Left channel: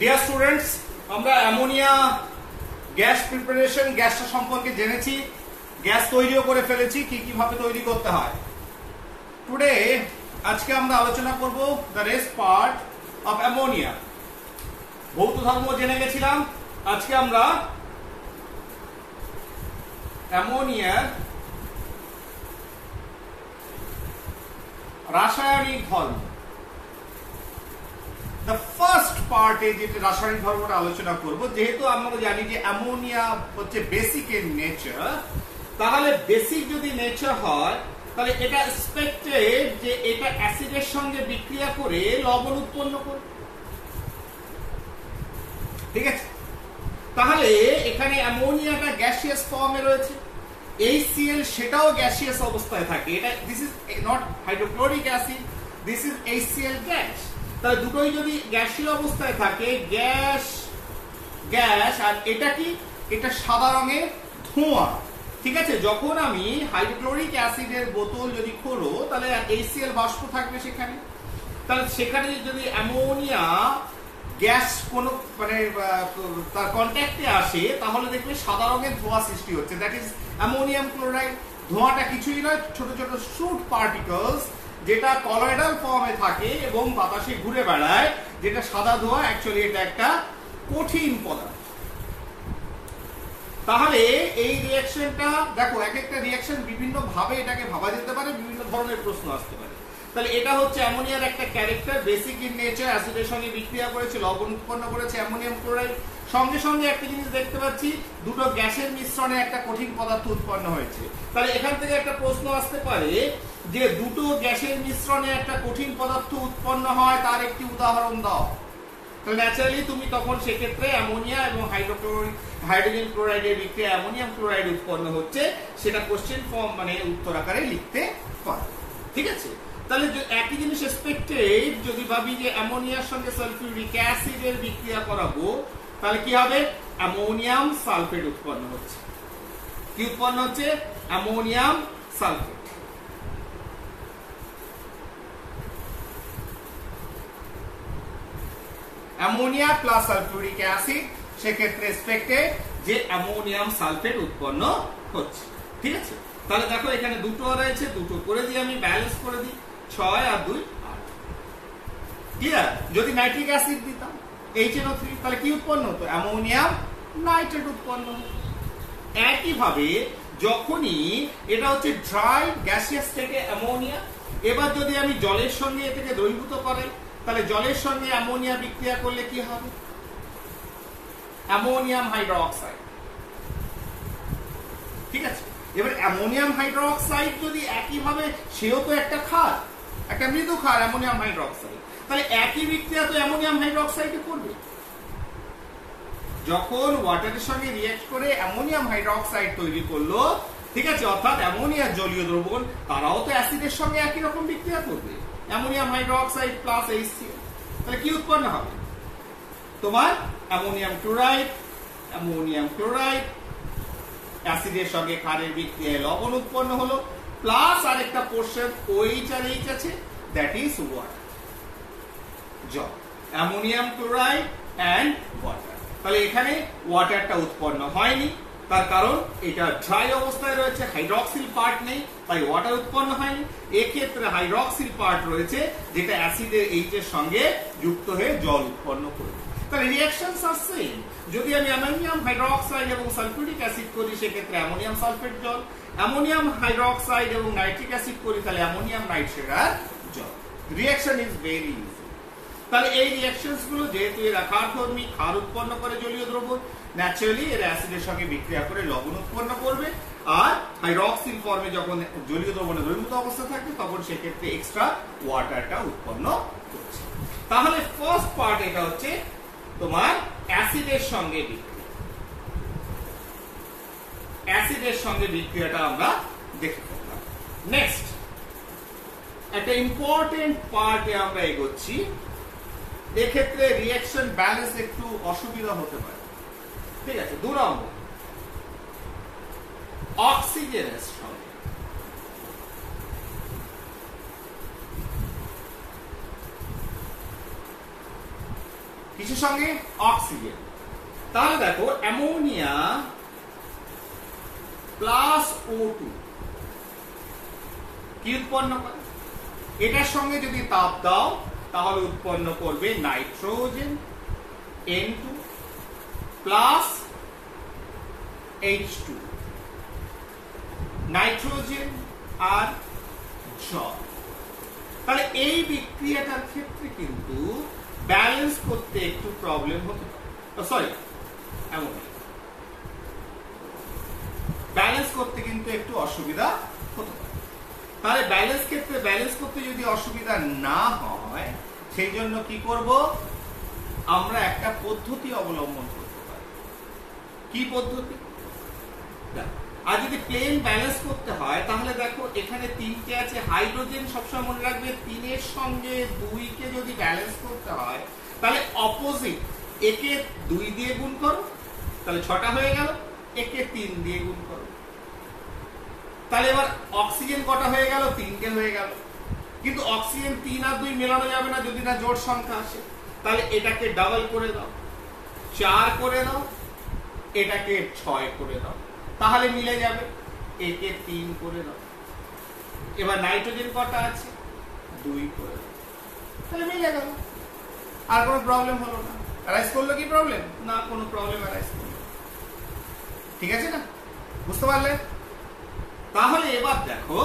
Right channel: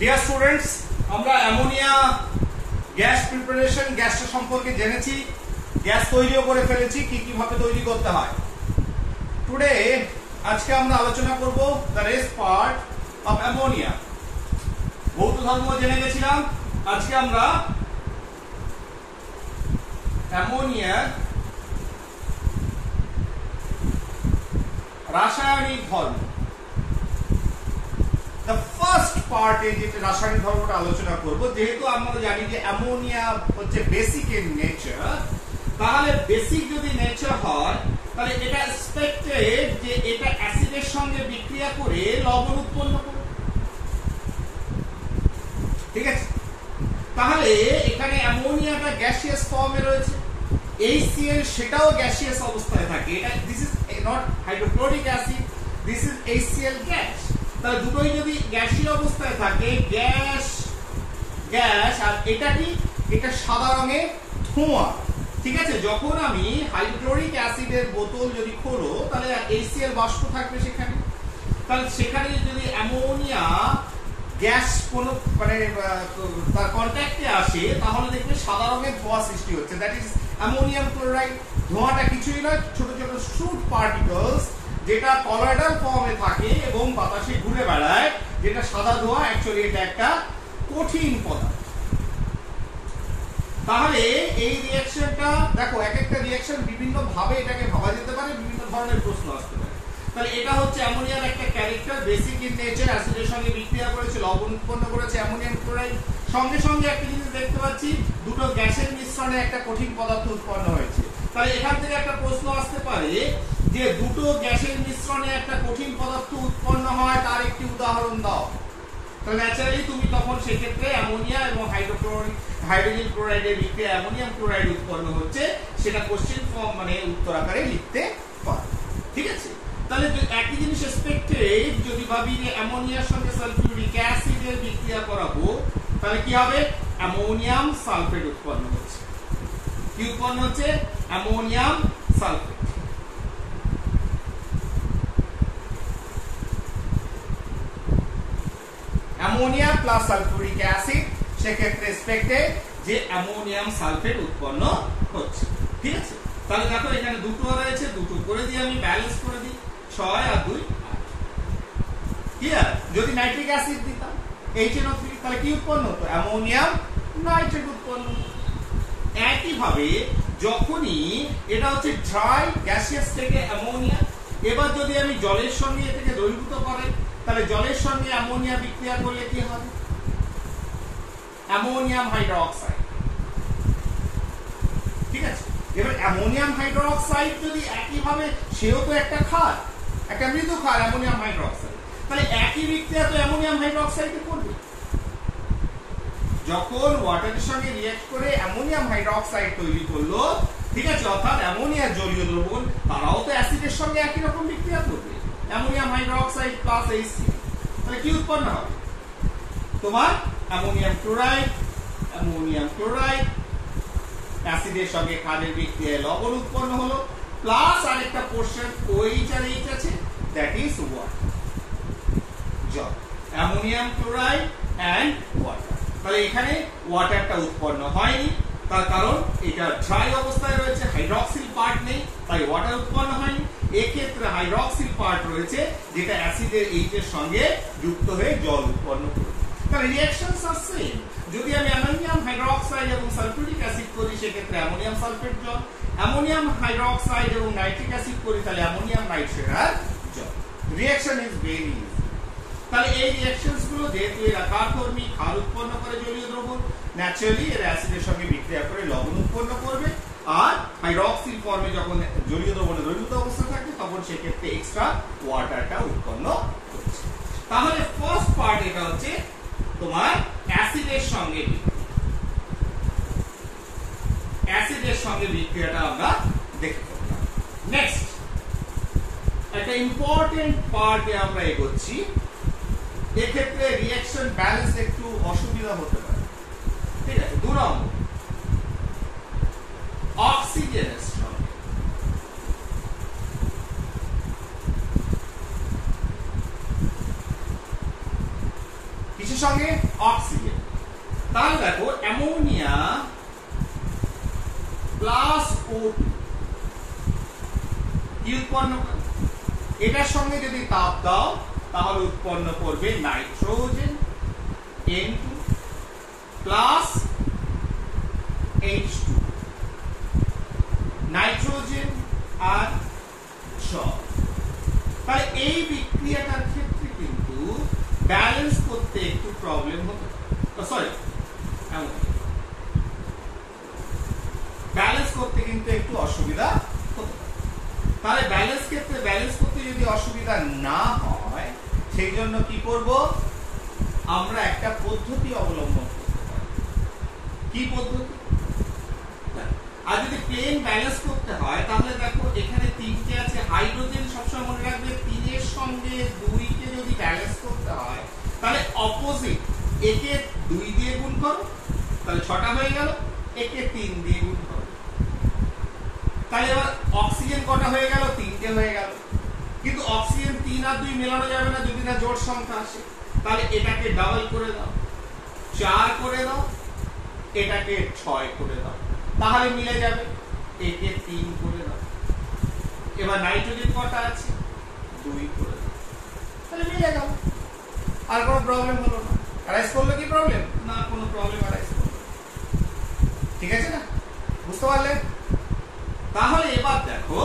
Dear students, আমরা ammonia gas preparation, গ্যাসটা সম্পর্কে জেনেছি, গ্যাস তৈরিও করে ফেলেছি, কি কিভাবে তৈরি করতে হয়। টুডে আজকে আমরা আলোচনা করব the rest part of ammonia. ভৌত ধর্ম জেনে গেছিলাম, আজকে আমরা অ্যামোনিয়ার রাসায়নিক ধর্ম, দ্য ফার্স্ট পার্টে যেটা রাসায়নিক ধর্মটা আলোচনা করব। যেহেতু আমরা জানি যে অ্যামোনিয়া হচ্ছে বেসিক এর নেচার, তাহলে বেসিক যদি নেচার হয় তাহলে এটা এক্সপেক্টেড যে এটা অ্যাসিডের সঙ্গে বিক্রিয়া করে লবণ উৎপন্ন করবে। ঠিক আছে, তাহলে এখানে অ্যামোনিয়াটা গ্যাসিয়াস ফর্মে রয়েছে, HCl সেটাও গ্যাসিয়াস অবস্থায় থাকে। এটা this is not hydrochloric acid, this is HCl gas. তাহলে দুটোই যদি গ্যাসীয় অবস্থায় থাকে, গ্যাস গ্যাস, আর এটা কি, এটা সাদা রঙের ধোঁয়া। ঠিক আছে, যখন আমি হাইড্রোক্লোরিক অ্যাসিডের বোতল যদি খোলো তাহলে HCl বাষ্প থাকবে সেখানে। তাহলে সেখানে যদি অ্যামোনিয়া গ্যাস কোনো মানে তার কন্ট্যাক্টে আসে তাহলে দেখবে সাদা রঙের ধোঁয়া সৃষ্টি হচ্ছে, দ্যাট ইজ অ্যামোনিয়াম ক্লোরাইড। ধোঁয়াটা কিছুই নয়, ছোট ছোট সুট পার্টিকলস, যেটা কলয়েডাল ফর্মে থাকে এবং বাতাসে ঘুরে বেড়ায়, যেটা সাদা ধোঁয়া। অ্যাকচুয়ালি এটা একটা কঠিন পদার্থ। তাহলে এই রিঅ্যাকশনটা দেখো, এক একটা রিঅ্যাকশন বিভিন্ন ভাবে এটাকে ভাবা যেতে পারে, বিভিন্ন ধরনের প্রশ্ন আসতে পারে। তাহলে এটা হচ্ছে অ্যামোনিয়ার একটা ক্যারেক্টার, বেসিক ইন নেচার, অ্যাসিডের সঙ্গে বিক্রিয়া করেছে, লবণ উৎপন্ন করেছে অ্যামোনিয়াম ক্লোরাইড। সঙ্গে সঙ্গে একটা জিনিস দেখতে পাচ্ছি, দুটো গ্যাসের মিশ্রণে একটা কঠিন পদার্থ উৎপন্ন হয়েছে। তাহলে এখান থেকে একটা প্রশ্ন আসতে পারে যে দুটো গ্যাসের মিশ্রণে একটা কঠিন পদার্থ উৎপন্ন হয়, তার একটি উদাহরণ দাও। তাহলে ন্যাচারালি তুমি তখন সেক্ষেত্রে অ্যামোনিয়া এবং হাইড্রোজেন ক্লোরাইডের বিক্রিয়া অ্যামোনিয়াম ক্লোরাইড উৎপন্ন হচ্ছে, সেটা কোশ্চেন ফর্ম মানে উত্তর আকারে লিখতে পারো। ঠিক আছে, তাহলে একই জিনিস এক্সপেক্টেড যদি ভাবি যে অ্যামোনিয়ার সঙ্গে সালফিউরিক অ্যাসিডের বিক্রিয়া করাবো, তাহলে কি হবে? অ্যামোনিয়াম সালফেট উৎপন্ন হচ্ছে। কি উৎপন্ন হচ্ছে? Ammonium sulphate. Ammonia plus sulphuric acid, সেক্ষেত্রে এক্সপেক্টেড যে অ্যামোনিয়াম সালফেট উৎপন্ন হচ্ছে। ঠিক আছে, তাহলে দেখো এখানে দুটো রয়েছে, দুটো করে দিই, আমি ব্যালেন্স করে দিই, 6 আর 2 8। ক্লিয়ার? যদি নাইট্রিক অ্যাসিড দিতাম HNO3, তাহলে কি উৎপন্ন হতো? অ্যামোনিয়াম নাইট্রেট উৎপন্ন হতো। একইভাবে যখনই এটা হচ্ছে ড্রাই গ্যাসিয়াস থেকে অ্যামোনিয়া, এবার যদি আমি জলের সঙ্গে এটাকে দ্রবীভূত করাই, তাহলে জলের সঙ্গে অ্যামোনিয়া বিক্রিয়া করলে কি হবে? Ammonium hydroxide. ঠিক আছে, এবার অ্যামোনিয়াম হাইড্রোক্সাইড যদি একইভাবে, সেও তো একটা ক্ষার, একটা মৃদু ক্ষার অ্যামোনিয়াম হাইড্রোক্সাইড, তাহলে একই বিক্রিয়া তো অ্যামোনিয়াম হাইড্রোক্সাইডে করবে। যখন ওয়াটারের সঙ্গে রিঅ্যাক্ট করে অ্যামোনিয়াম হাইড্রোক্সাইড তৈরি করলো, ঠিক আছে, অর্থাৎ অ্যামোনিয়ার জলীয় দ্রবণ, তারাও তো অ্যাসিডের সঙ্গে একই রকম বিক্রিয়া করবে, অ্যামোনিয়াম হাইড্রোক্সাইড প্লাস HCl। তাহলে কি উৎপন্ন হবে? তোমার অ্যামোনিয়াম ক্লোরাইড, অ্যামোনিয়াম ক্লোরাইড অ্যাসিডের সঙ্গে ক্ষারের বিক্রিয়ায় লবণ উৎপন্ন হলো, প্লাস আরেকটা পোর্শন OH আর H আছে, দ্যাট ইজ ওয়াটার, জল। Ammonium chloride and water. তাহলে এখানে ওয়াটারটা উৎপন্ন হয়নি, তার কারণ এটা ড্রাই অবস্থায় রয়েছে, হাইড্রক্সিল পার্ট নেই, তাই ওয়াটার উৎপন্ন হয়নি। এক্ষেত্রে হাইড্রক্সিল পার্ট রয়েছে, যেটা অ্যাসিডের H এর সঙ্গে যুক্ত হয়ে জল উৎপন্ন করবে। তাহলে রিঅ্যাকশনস আর সেম। যদি আমি অ্যামোনিয়াম হাইড্রোক্সাইড এবং সালফিউরিক অ্যাসিড করি, সেক্ষেত্রে অ্যামোনিয়াম সালফেট জল। অ্যামোনিয়াম হাইড্রোক্সাইড এবং নাইট্রিক অ্যাসিড করি, তাহলে অ্যামোনিয়াম নাইট্রেট আর জল। Reaction is very easy. তাহলে এই রিঅ্যাকশনস গুলো যেহেতু এরা ক্ষারধর্মী, ক্ষার উৎপন্ন করে জলীয় দ্রবণ, ন্যাচারালি এরা অ্যাসিডের সঙ্গে বিক্রিয়া করে লবণ উৎপন্ন করবে। আর হাইড্রক্সিল ফর্মে যখন জলীয় দ্রবণে দ্রবীভূত অবস্থা থাকবে, তখন সেক্ষেত্রে এক্সট্রা ওয়াটারটা উৎপন্ন করছে। তাহলে ফার্স্ট পার্ট এটা হচ্ছে তোমার অ্যাসিডের সঙ্গে বিক্রিয়া। অ্যাসিডের সঙ্গে বিক্রিয়াটা আমরা দেখতে পাবো। নেক্সট একটা ইম্পর্টেন্ট পার্টে আমরা এগোচ্ছি। এক্ষেত্রে রিঅ্যাকশন ব্যালেন্স একটু অসুবিধা হতে পারে। ঠিক আছে, 2 নম্বর, অক্সিজেনের সঙ্গে কিসের কিসের সঙ্গে? অক্সিজেন। তাহলে দেখো অ্যামোনিয়া প্লাস O2 কি উৎপন্ন করে? এটার সঙ্গে যদি তাপ দাও তাহলে উৎপন্ন করবে nitrogen N2 plus H2, nitrogen আর জল। তাহলে এই বিক্রিয়াটার ক্ষেত্রে কিন্তু ব্যালেন্স করতে একটু প্রবলেম হতে পারে, সরি ব্যালেন্স করতে কিন্তু একটু অসুবিধা হতে পারে। তাহলে ব্যালেন্স করতে যদি অসুবিধা না হয় সেই জন্য কি করব? আমরা একটা পদ্ধতি অবলম্বন করতে পারি। কি পদ্ধতি? আর যদি প্লেন ব্যালেন্স করতে হয় তাহলে দেখো এখানে 3টে আছে, হাইড্রোজেন সবসময় মনে রাখবে 3 এর সঙ্গে 2 কে যদি ব্যালেন্স করতে হয় তাহলে অপোজিট, একে 2 দিয়ে গুণ করো তাহলে 6টা হয়ে গেল, একে 3 দিয়ে গুণ করো তাহলে এবার অক্সিজেন কটা হয়ে গেল? 3টে হয়ে গেল। কিন্তু অক্সিজেন 3 আর 2 মেলানো যাবে না যদি না জোড় সংখ্যা আসে। তাহলে এটাকে ডাবল করে দাও, 4 করে দাও, এটাকে 6 করে দাও, তাহলে মিলে যাবে। একে 3 করে দাও। এবার নাইট্রোজেন কটা আছে? 2 করে দাও, তাহলে মিলে গেল। আর কোনো প্রবলেম হলো না। অ্যারাইজ করলো কি প্রবলেম? না, কোনো প্রবলেম অ্যারাইজ করলো। ঠিক আছে না? বুঝতে পারলে? তাহলে এবার দেখো,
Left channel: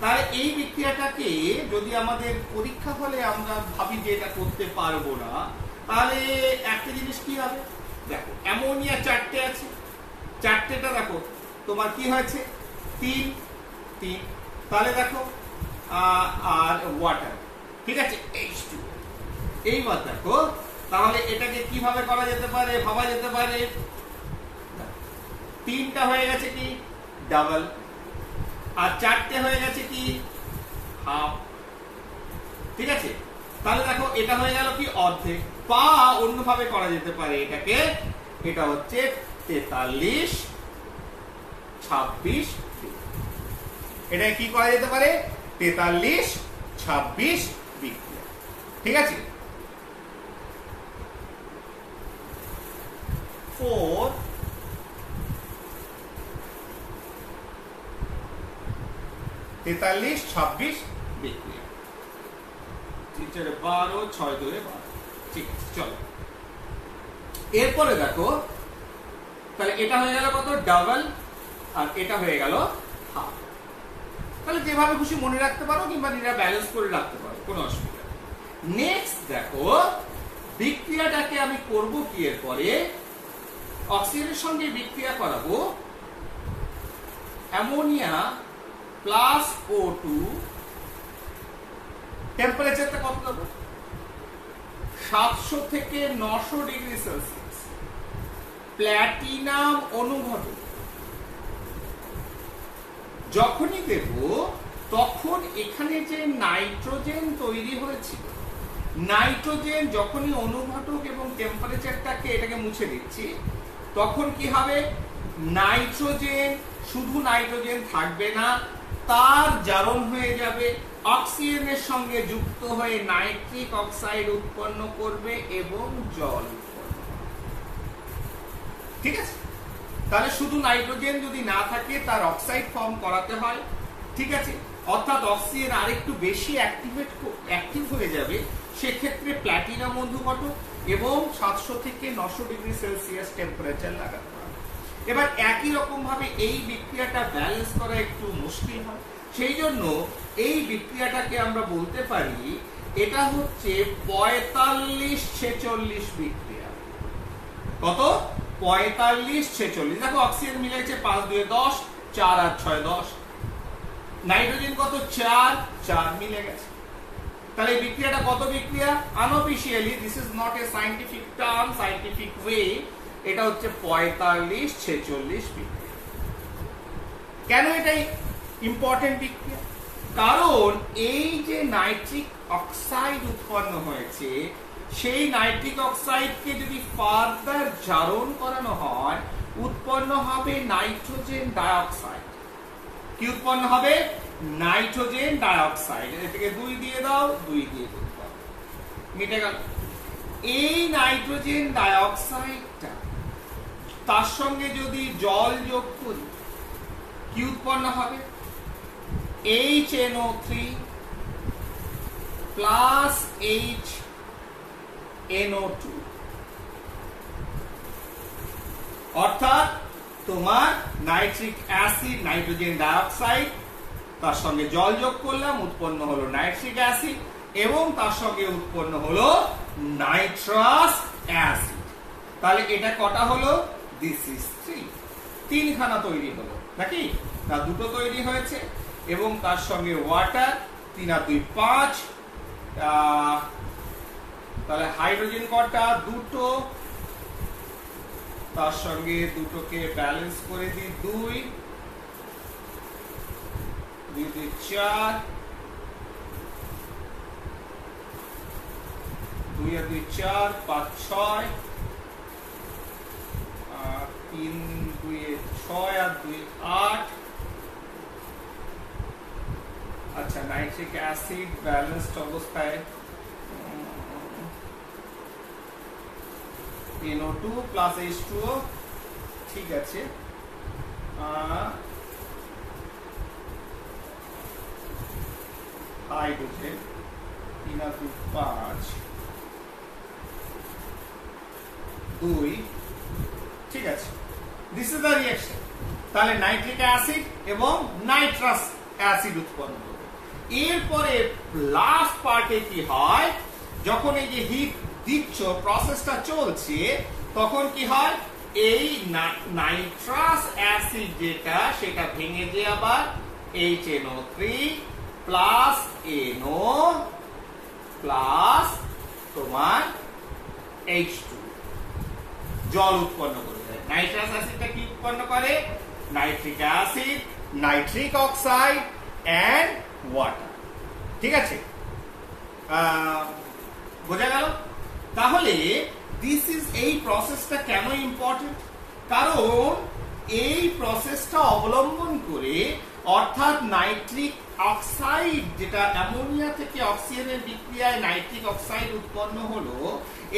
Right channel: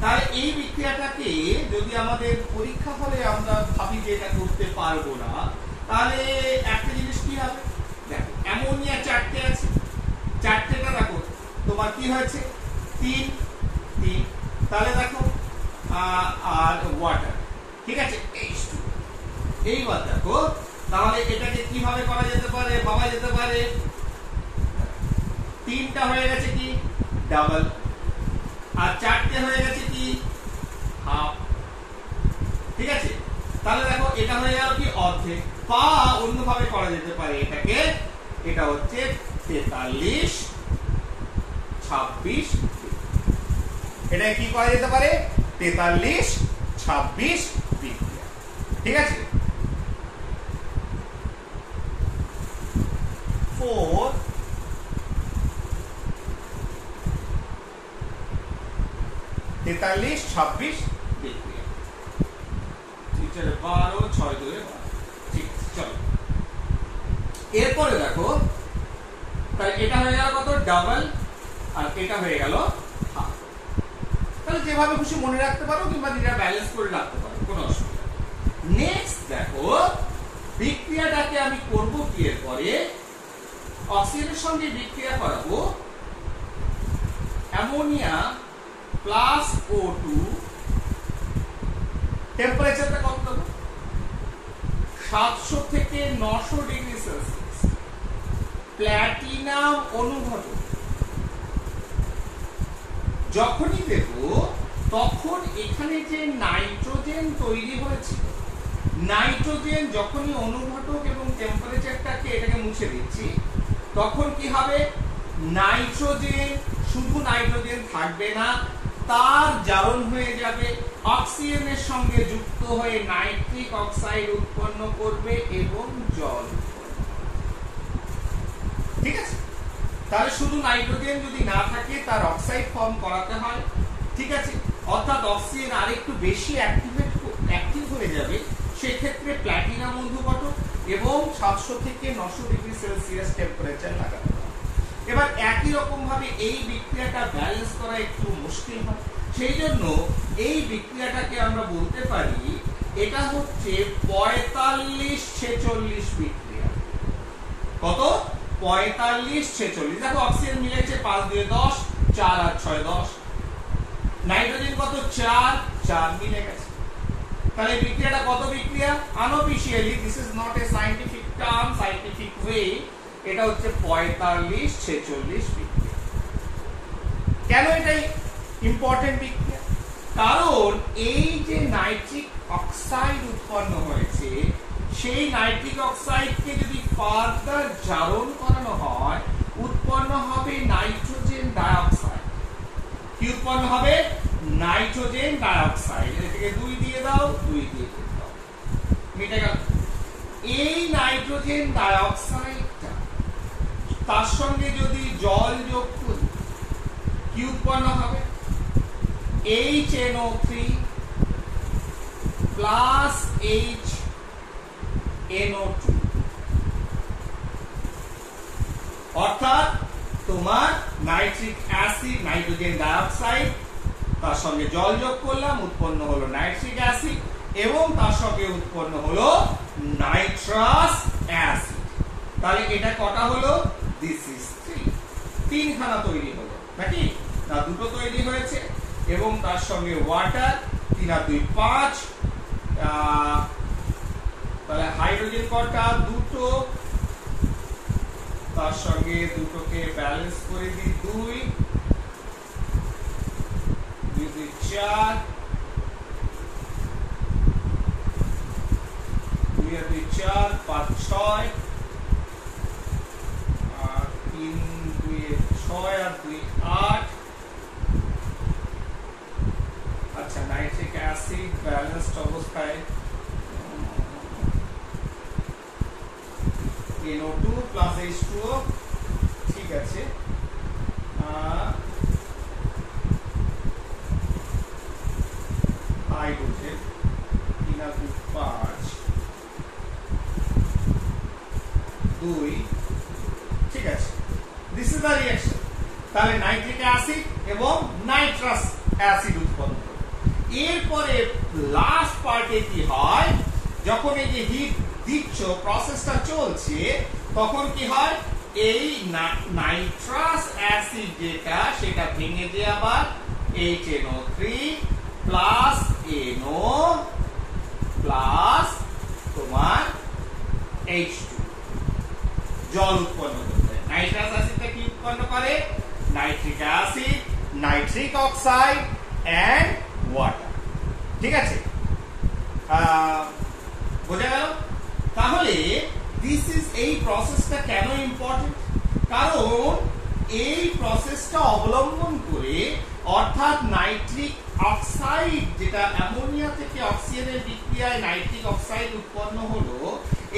তাহলে এই বিক্রিয়াটাকে যদি আমাদের পরীক্ষা ফলে আমরা ভাবি যে এটা করতে পারবো না, তাহলে একটা জিনিস কি হবে? দেখো অ্যামোনিয়া 4টে আছে, 4টেটা দেখো তোমার কি হয়েছে? 3। তাহলে দেখো আর ওয়াটার, ঠিক আছে, H2। এইবার দেখো তাহলে এটাকে কিভাবে করা যেতে পারে, ভাবা যেতে পারে? 3টা হয়ে গেছে কি ডাবল, আর 4টে হয়ে গেছে কি হাফ। ঠিক আছে, তাহলে দেখো এটা হয়ে গেল কি অর্ধেক। বা অন্যভাবে করা যেতে পারে এটাকে, এটা হচ্ছে 43 26। এটা কি করা যেতে পারে? 43 26 বিক্রিয়া। ঠিক আছে, 4 43 26 বিক্রিয়া। 12 6 2 12। ঠিক আছে, চলো এরপরে দেখো তাহলে এটা হয়ে গেল কত? ডাবল, আর এটা হয়ে গেল হাফ। তাহলে যেভাবে খুশি মনে রাখতে পারো কিংবা নিজেরা ব্যালেন্স করে রাখতে পারো, কোনো অসুবিধা নেই। নেক্সট দেখো বিক্রিয়াটাকে আমি করব কি? এরপরে অক্সিজেনের সঙ্গে বিক্রিয়া করাবো অ্যামোনিয়া প্লাস O2। টেম্পারেচারটা কত দেবো? 700 থেকে 900 ডিগ্রি সেলসিয়াস। প্ল্যাটিনাম অনুঘটক যখনই দেব তখন এখানে যে নাইট্রোজেন তৈরি হয়েছিল, নাইট্রোজেন যখনই অনুঘটক এবং টেম্পারেচারটাকে এটাকে মুছে দিচ্ছি তখন কি হবে? নাইট্রোজেন, শুধু নাইট্রোজেন থাকবে না, তার জারণ হয়ে যাবে, অক্সিজেনের সঙ্গে যুক্ত হয়ে নাইট্রিক অক্সাইড উৎপন্ন করবে এবং জল উৎপন্ন করবে। ঠিক আছে, তাহলে শুধু নাইট্রোজেন যদি না থাকে তার অক্সাইড ফর্ম করাতে হয়। ঠিক আছে, অর্থাৎ অক্সিজেন আরেকটু বেশি অ্যাক্টিভ হয়ে যাবে, সেক্ষেত্রে প্ল্যাটিনাম অনুঘটক এবং 700 থেকে 900 ডিগ্রি সেলসিয়াস টেম্পারেচার লাগাতে হবে। এবার একই রকম ভাবে এই বিক্রিয়াটা ব্যালেন্স করা একটু মুশকিল হয়, সেই জন্য এই বিক্রিয়াটাকে আমরা বলতে পারি এটা হচ্ছে 45 46 বিক্রিয়া। কত? 45 46। দেখো অক্সিজেন মিলেছে 5 2 10, 4 আর 6 10। নাইট্রোজেন কত? 4 4 মিলে গেছে। তাহলে এই বিক্রিয়াটা কত বিক্রিয়া? Unofficially, this is not a scientific term, scientific way, এটা হচ্ছে 45 46 বিক্রিয়া। কেন এটাই ইম্পর্টেন্ট বিক্রিয়া? কারণ এই যে নাইট্রিক অক্সাইড উৎপন্ন হয়েছে, সেই নাইট্রিক অক্সাইডকে যদি ফার্দার জারণ করানো হয় উৎপন্ন হবে নাইট্রোজেন ডাইঅক্সাইড। কি উৎপন্ন হবে? Nitrogen dioxide. এটাকে 2 দিয়ে দাও, 2 দিয়ে দাও, মিটে গেল। এই নাইট্রোজেন ডাইঅক্সাইডটা তার সঙ্গে যদি জল যোগ করি কি উৎপন্ন হবে? HNO3 প্লাস HNO2, অর্থাৎ তোমার নাইট্রিক অ্যাসিড, নাইট্রোজেন ডাইঅক্সাইড, তার সঙ্গে জল যোগ করলাম, উৎপন্ন হলো নাইট্রিক অ্যাসিড এবং তার সঙ্গে উৎপন্ন হলো নাইট্রাস অ্যাসিড। তাহলে এটা কটা হলো? দিস ইজ 3, তিনখানা তৈরি হলো নাকি না? দুটো তৈরি হয়েছে এবং তার সঙ্গে ওয়াটার, 3 আর 2 5, তাহলে হাইড্রোজেন কটা? দুটো, তার সঙ্গে দুটোকে ব্যালেন্স করে দিই 2, 2 2 4, 2 আর 2 4, 5 6, 3 2 6 আর 2 8। আচ্ছা, নাইট্রিক অ্যাসিড ব্যালেন্সড অবস্থায় NO2 প্লাস H2O, ঠিক আছে। হাইড্রোজেন 3 আর 2 5, 2, ঠিক আছে। This is the reaction. তাহলে নাইট্রিক অ্যাসিড এবং নাইট্রাস অ্যাসিড উৎপন্ন হবে। এরপরে লাস্ট পার্টে কি হয়? যখন এই যে হিট দিচ্ছ, প্রসেসটা চলছে, তখন কি হয়? এই নাইট্রাস অ্যাসিড যেটা, সেটা ভেঙে যে আবার HNO3 প্লাস NO প্লাস তোমার H2 জল উৎপন্ন করবে। নাইট্রাস অ্যাসিডটা কি উৎপন্ন করে? Nitric acid, nitric oxide and water, ঠিক আছে। বোঝা গেল? তাহলে দিস ইজ, এই প্রসেসটা কেন ইম্পর্টেন্ট? কারণ এই প্রসেসটা অবলম্বন করে, অর্থাৎ নাইট্রিক অক্সাইড যেটা অ্যামোনিয়া থেকে অক্সিজেনের বিক্রিয়ায় নাইট্রিক অক্সাইড উৎপন্ন হলো,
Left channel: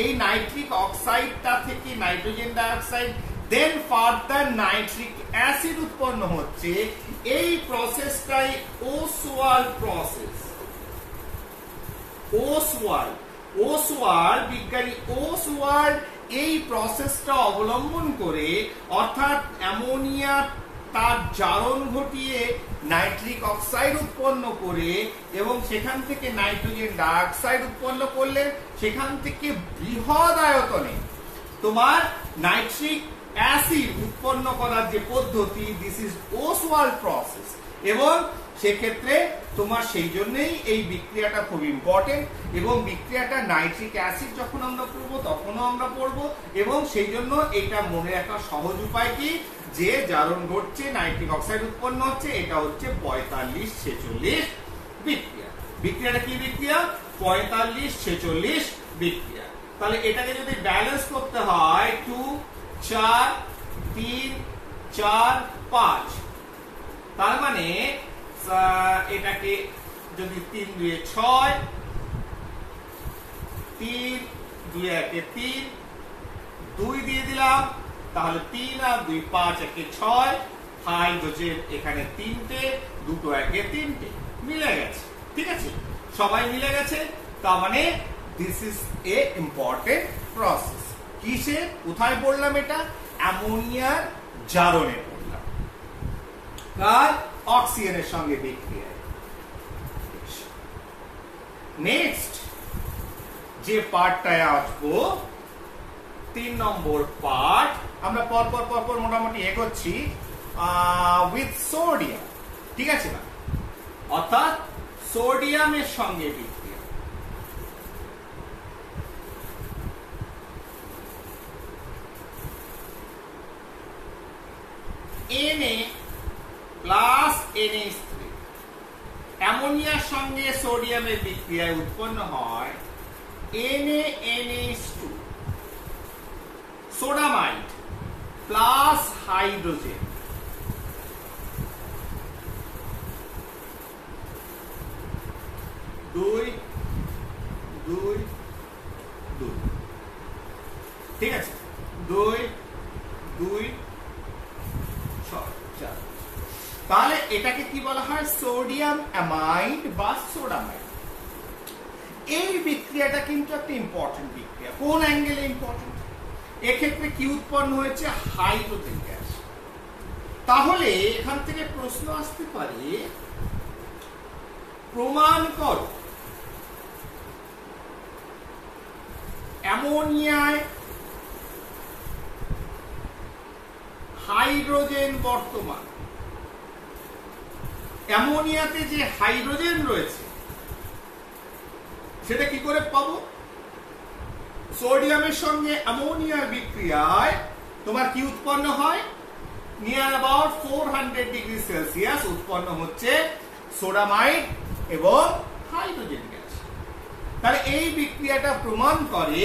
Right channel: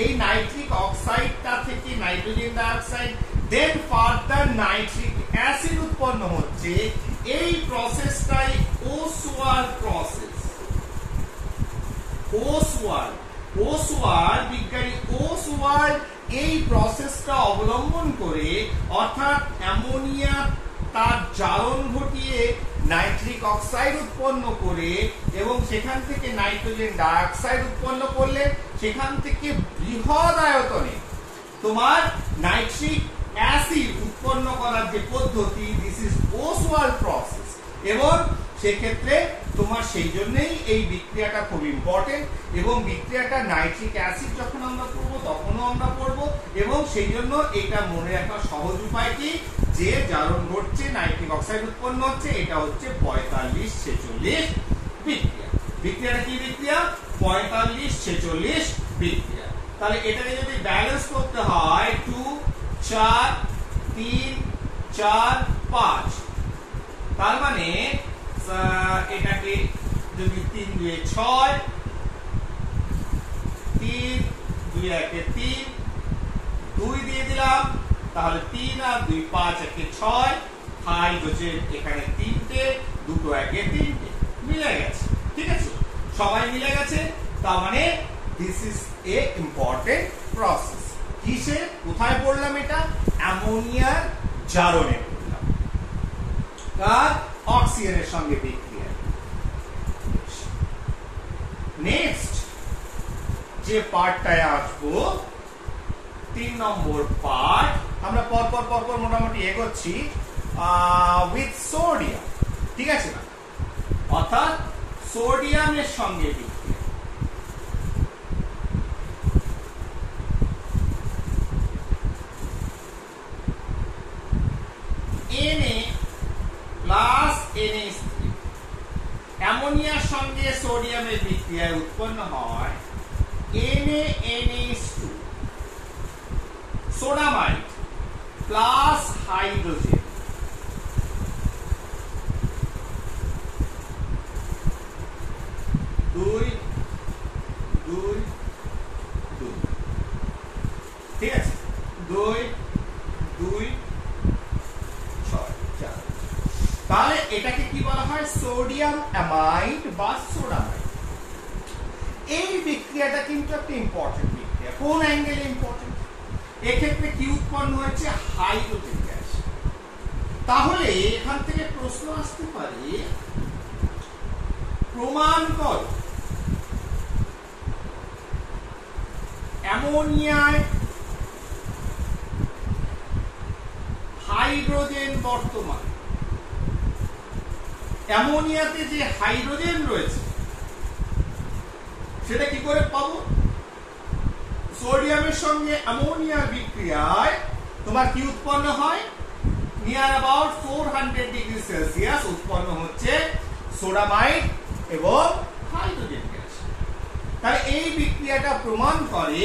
এই নাইট্রিক অক্সাইডটা থেকে নাইট্রোজেন ডাইঅক্সাইড, দেন ফার্দার নাইট্রিক অ্যাসিড উৎপন্ন হচ্ছে। এই প্রসেসটাই ওসওয়াল্ড প্রসেস। ওসওয়াল্ড বিজ্ঞানী ওসওয়াল্ড এই প্রসেসটা অবলম্বন করে, অর্থাৎ অ্যামোনিয়া তার জারণ ঘটিয়ে নাইট্রিক অক্সাইড উৎপন্ন করে এবং সেখান থেকে নাইট্রোজেন ডাইঅক্সাইড উৎপন্ন করলে, সেখান থেকে বৃহৎ আয়তনে তোমার নাইট্রিক অ্যাসিড উৎপন্ন করার যে পদ্ধতি, দিস ইজ ওসওয়াল্ড প্রসেস। এবং সেক্ষেত্রে তোমার সেই জন্যই এই বিক্রিয়াটা খুব ইম্পর্টেন্ট। এবং বিক্রিয়াটা নাইট্রিক অ্যাসিড যখন আমরা পড়বো তখনও আমরা পড়বো। এবং সেই জন্য এইটা মনে রাখার সহজ উপায় কি, যে জারণ ঘটছে, নাইট্রিক অক্সাইড উৎপন্ন হচ্ছে, এটা হচ্ছে 45-46 বিক্রিয়া। বিক্রিয়াটা কি বিক্রিয়া? 45-46 বিক্রিয়া। তাহলে এটাকে যদি ব্যালেন্স করতে হয় 2 4 3 4 5, তার মানে এটাকে যদি 3 2 6, 3 2 1 3, 2 দিয়ে দিলাম, তাহলে 3 আর 2 5 1 6, হাইড্রোজেন এখানে 3টে, 2 1 3টে মিলে গেছে, ঠিক আছে। সবাই মিলে গেছে, তার মানে this is a important process. কিসে, কোথায় পড়লাম এটা? অ্যামোনিয়ার জারণে পড়লাম, কার? অক্সিজেনের সঙ্গে বিক্রিয়ায়। নেক্সট যে পার্টটায় আসবো, 3 নম্বর পার্ট, আমরা পরপর মোটামুটি এগোচ্ছি। উইথ সোডিয়াম, ঠিক আছে না? অর্থাৎ সোডিয়ামের সঙ্গে বিক্রিয়া। Na প্লাস NH3, অ্যামোনিয়ার সঙ্গে সোডিয়ামের বিক্রিয়ায় উৎপন্ন হয় NaNH2, সোডামাইড প্লাস হাইড্রোজেন, দুই 2 2 6 4। তাহলে এটাকে কি বলা হয়? সোডিয়াম অ্যামাইড বা সোডামাইড। এই বিক্রিয়াটা কিন্তু একটা ইম্পর্টেন্ট বিক্রিয়া। কোন অ্যাঙ্গেলে ইম্পর্টেন্ট? এক্ষেত্রে কি উৎপন্ন হয়েছে? Hydrogen gas. তাহলে এখান থেকে প্রশ্ন আসতে পারে, প্রমাণ করো অ্যামোনিয়ায় হাইড্রোজেন বর্তমান। অ্যামোনিয়াতে যে হাইড্রোজেন রয়েছে সেটা কি করে পাবো? সোডিয়ামের সঙ্গে অ্যামোনিয়ার বিক্রিয়ায় তোমার কি উৎপন্ন হয়? নিয়ার অ্যাবাউট 400 ডিগ্রি সেলসিয়াস উৎপন্ন হচ্ছে সোডামাইড এবং হাইড্রোজেন গ্যাস। তাহলে এই বিক্রিয়াটা প্রমাণ করে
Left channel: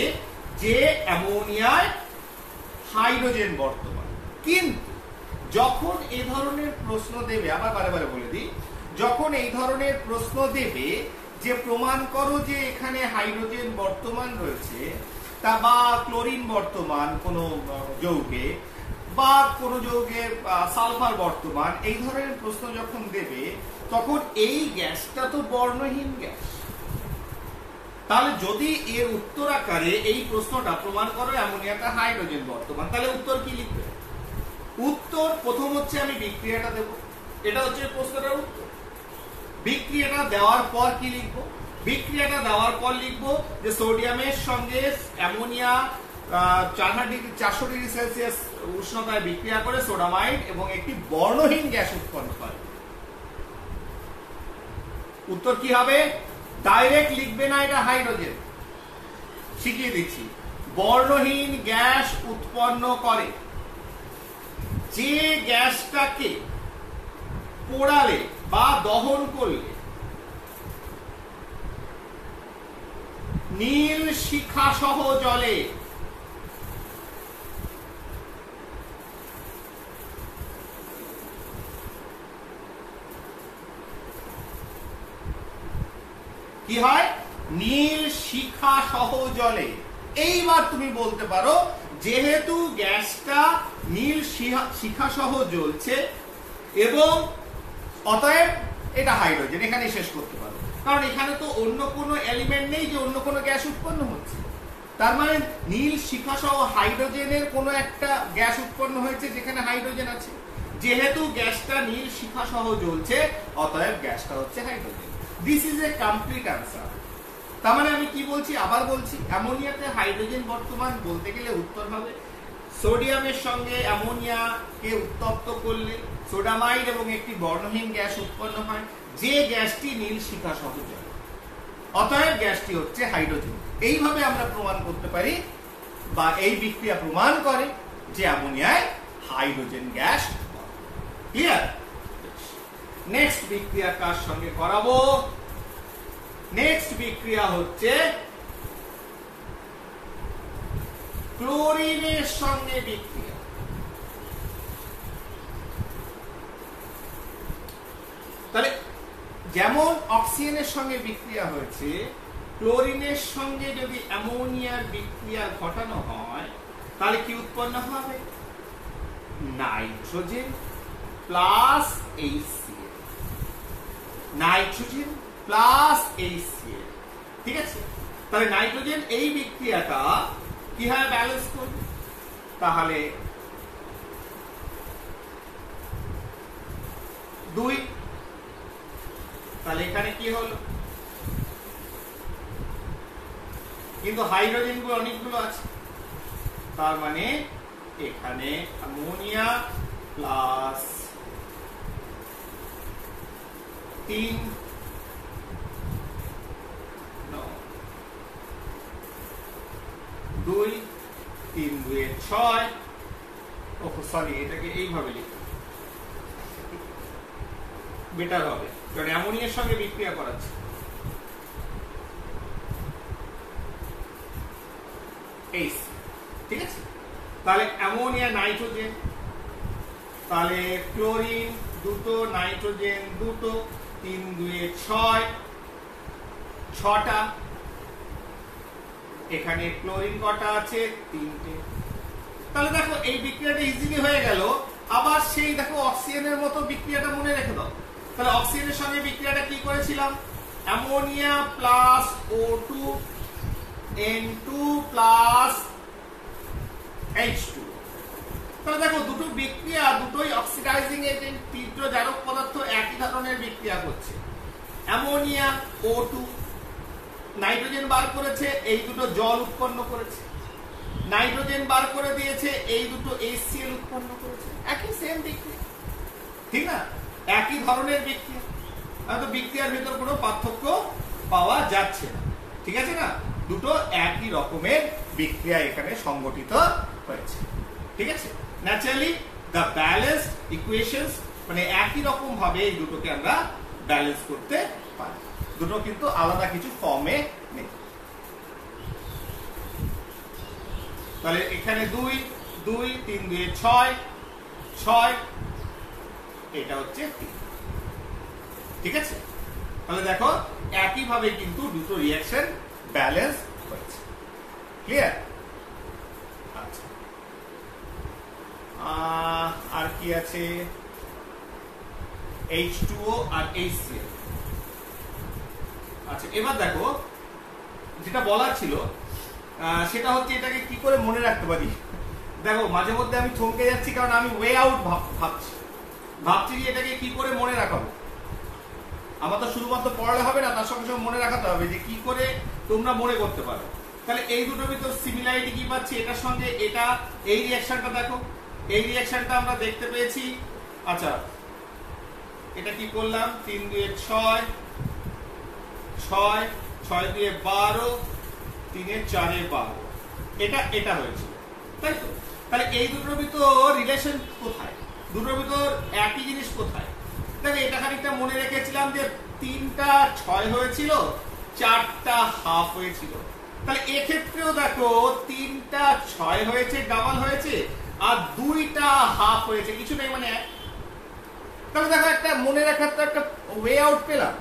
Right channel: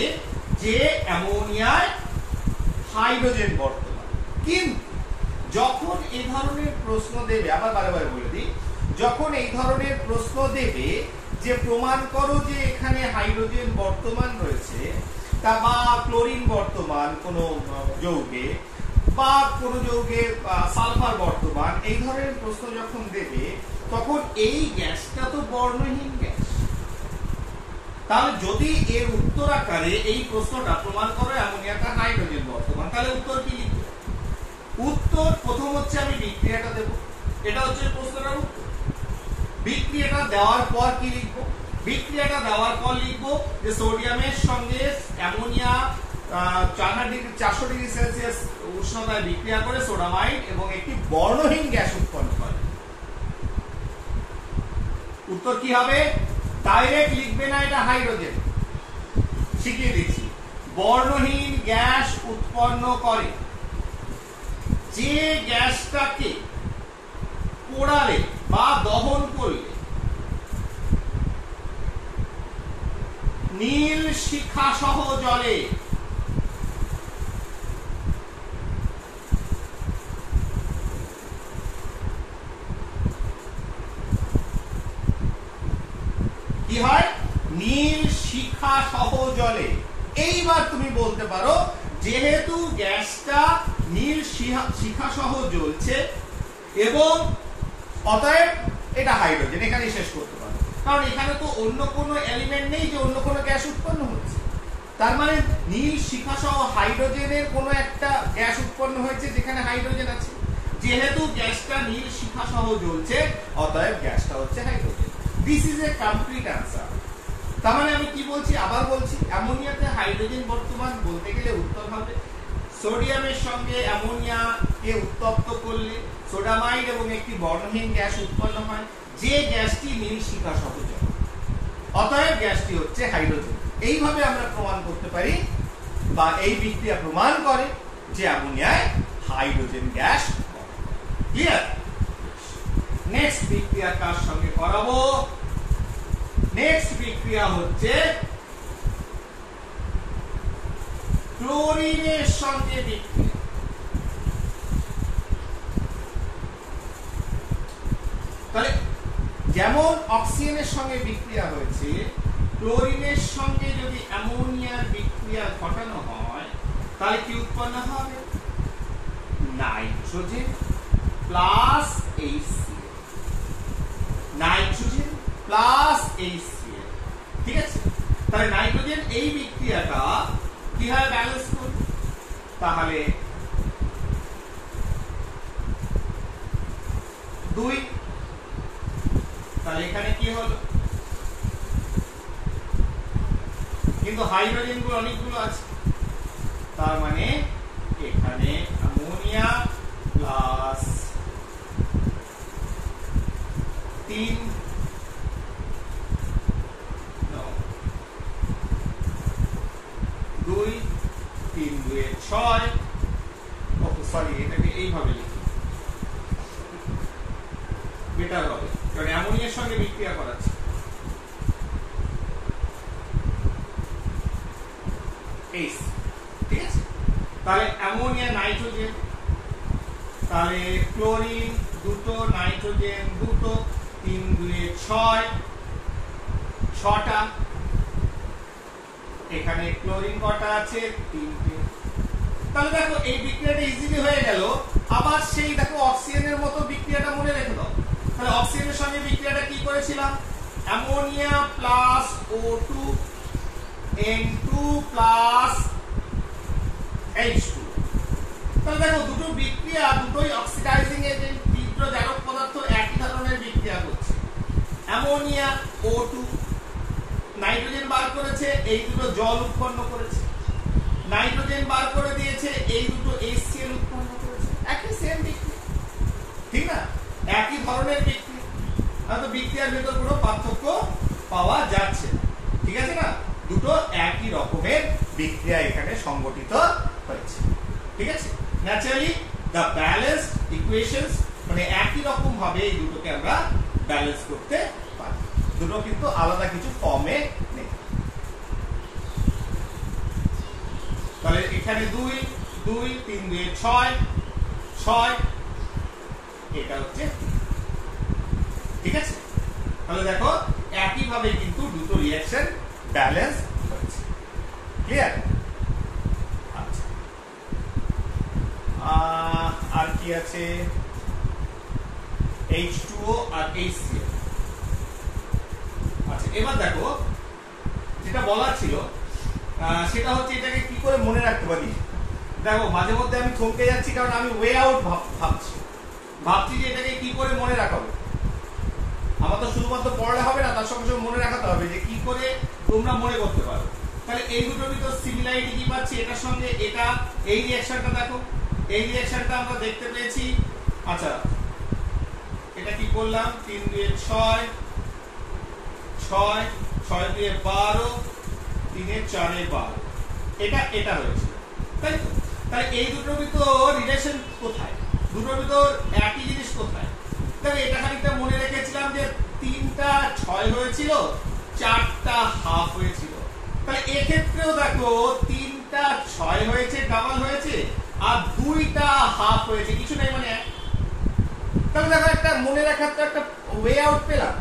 যে অ্যামোনিয়ায় হাইড্রোজেন বর্তমান। কিন্তু যখন এই ধরনের প্রশ্ন দেবে, আবার বারে বারে বলে দিই, যখন এই ধরনের প্রশ্ন দেবে যে প্রমাণ করো যে এখানে হাইড্রোজেন বর্তমান রয়েছে, তা বা ক্লোরিন বর্তমান কোন যৌগে, বা কোন যৌগে সালফার বর্তমান, এই ধরনের প্রশ্ন যখন দেবে তখন এই গ্যাসটা তো বর্ণহীন গ্যাস। তাহলে যদি এর উত্তর আকারে এই প্রশ্নটা প্রমাণ করো অ্যামোনিয়াটা হাইড্রোজেন বর্তমান, তাহলে উত্তর কি লিখবে? উত্তর প্রথম হচ্ছে আমি বিক্রিয়াটা দেব, এটা হচ্ছে প্রশ্নটার উত্তর। বিক্রিয়াটা দেওয়ার পর কি লিখবো? বিক্রিয়াটা দেওয়ার পর লিখবো যে সোডিয়ামের সঙ্গে অ্যামোনিয়া 400 ডিগ্রি সেলসিয়াস উষ্ণতায় বিক্রিয়া করে সোডামাইড এবং একটি বর্ণহীন গ্যাস উৎপন্ন করে। উত্তর কি হবে? ডাইরেক্ট লিখবে না এটা হাইড্রোজেন, শিখিয়ে দিচ্ছি। বর্ণহীন গ্যাস উৎপন্ন করে। যে গ্যাসটাকে পোড়ালে বা দহন করলে নীল শিখা সহ জ্বলে, কি হয়? নীল শিখা সহ জ্বলে। এইবার তুমি বলতে পারো যেহেতু গ্যাসটা নীল শিখা সহ জ্বলছে এবং অতএব এটা হাইড্রোজেন, এখানেই শেষ করতে পারো। কারণ এখানে তো অন্য কোনো এলিমেন্ট নেই যে অন্য কোনো গ্যাস উৎপন্ন হচ্ছে। তার মানে নীল শিখা সহ হাইড্রোজেনের কোনো একটা গ্যাস উৎপন্ন হয়েছে যেখানে হাইড্রোজেন আছে। যেহেতু গ্যাসটা নীল শিখা সহ জ্বলছে অতএব গ্যাসটা হচ্ছে hydrogen. This is a complete answer. তার মানে আমি কি বলছি? আবার বলছি, অ্যামোনিয়াতে হাইড্রোজেন বর্তমান বলতে গেলে উত্তর হবে সোডিয়ামের সঙ্গে অ্যামোনিয়াকে উত্তপ্ত করলে সোডামাইড এবং একটি বর্ণহীন গ্যাস উৎপন্ন হয়, যে গ্যাসটি নীল শিখা সহ জ্বলে। অতএব গ্যাসটি হচ্ছে হাইড্রোজেন। এইভাবে আমরা প্রমাণ করতে পারি বা এই বিক্রিয়া প্রমাণ করে যে অ্যামোনিয়ায় হাইড্রোজেন গ্যাস। ক্লিয়ার? নেক্সট বিক্রিয়া কার সঙ্গে করাবো? নেক্সট বিক্রিয়া হচ্ছে ক্লোরিনের সঙ্গে বিক্রিয়া। তাহলে যেমন অক্সিজেনের সঙ্গে বিক্রিয়া হয়েছে, ক্লোরিনের সঙ্গে যদি অ্যামোনিয়ার বিক্রিয়া ঘটানো হয় তাহলে কি উৎপন্ন হবে? Nitrogen plus HCl। Nitrogen plus HCl, ঠিক আছে? তাহলে নাইট্রোজেন এই বিক্রিয়াটা কিভাবে ব্যালেন্স করবে? তাহলে 2, তাহলে এখানে কি হলো? কিন্তু হাইড্রোজেন গুলো অনেকগুলো আছে, তার মানে এখানে অ্যামোনিয়া প্লাস 3 2 3 2 6। ওহ সরি, এটাকে এইভাবে লিখি, বেটার হবে, কারণ অ্যামোনিয়ার সঙ্গে বিক্রিয়া করাচ্ছে। ঠিক আছে? তাহলে অ্যামোনিয়া নাইট্রোজেন, তাহলে ক্লোরিন 2, নাইট্রোজেন 2, 3 2 6, 6টা। এখানে ক্লোরিন কটা আছে? 3টে। তাহলে দেখো এই বিক্রিয়াটা ইজিলি হয়ে গেল। আবার সেই দেখো অক্সিজেনের মতো বিক্রিয়াটা মনে রেখে দাও। তাহলে অক্সিজেনের সঙ্গে বিক্রিয়াটা কি করেছিলাম? Ammonia plus O2 N2 plus H2। তাহলে দেখো দুটো বিক্রিয়া, দুটোই অক্সিডাইজিং এজেন্ট, তীব্র জারক পদার্থ, একই ধরনের বিক্রিয়া করছে। অ্যামোনিয়া O2 নাইট্রোজেন বার করেছে, এই দুটো জল উৎপন্ন করেছে। নাইট্রোজেন বার করে দিয়েছে, এই দুটো HCl উৎপন্ন করেছে। একই সেম বিক্রিয়া, ঠিক না? একই ধরনের বিক্রিয়া, হয়তো বিক্রিয়ার ভিতর কোনো পার্থক্য পাওয়া যাচ্ছে না, ঠিক আছে না? দুটো একই রকমের বিক্রিয়া এখানে সংগঠিত হয়েছে, ঠিক আছে? ন্যাচারালি দ্য ব্যালেন্সড ইকুয়েশনস, মানে একই রকম ভাবে এই দুটোকে আমরা ব্যালেন্স করতে পারি। দুটো কিন্তু আলাদা কিছু ফর্মে নেই। তাহলে এখানে 2 2 3 2 6 6, এটা হচ্ছে 3, ঠিক আছে? তাহলে দেখো একই ভাবে কিন্তু দুটো রিঅ্যাকশন ব্যালেন্স হচ্ছে। ক্লিয়ার? আচ্ছা, আর কি আছে? H2O আর HCl। আচ্ছা, এবার দেখো যেটা বলা ছিল সেটা হচ্ছে এটাকে কি করে মনে রাখতে পারি। দেখো মাঝে মধ্যে আমি থমকে যাচ্ছি, কারণ আমি ওয়ে আউট ভাবছি যে এটাকে কি করে মনে রাখাবো। আমার তো শুধুমাত্র পড়লে হবে না, তার সঙ্গে সঙ্গে মনে রাখাতে হবে যে কি করে তোমরা মনে করতে পারো। তাহলে এই দুটোর ভিতর সিমিলারিটি কি পাচ্ছি? এটার সঙ্গে এটা, এই রিঅ্যাকশনটা দেখো, এই রিঅ্যাকশনটা আমরা দেখতে পেয়েছি। আচ্ছা, এটা কি করলাম? 3 2 6 6 6 2 12 3 4 12, এটা হয়েছিল, তাই তো? তাহলে এই দুটোর ভিতর রিলেশন কোথায়? দুটোর ভিতর একই জিনিস কোথায়? দেখো এটা খানিকটা মনে রেখেছিলাম যে 3টা 6 হয়েছিল, 4টা হাফ হয়েছিল। তাহলে এক্ষেত্রেও দেখো 3টা 6 হয়েছে, ডাবল হয়েছে, আর 2টা হাফ হয়েছে, কিছু নেই মানে। তাহলে দেখো একটা মনে রাখার তো একটা ওয়ে আউট পেলাম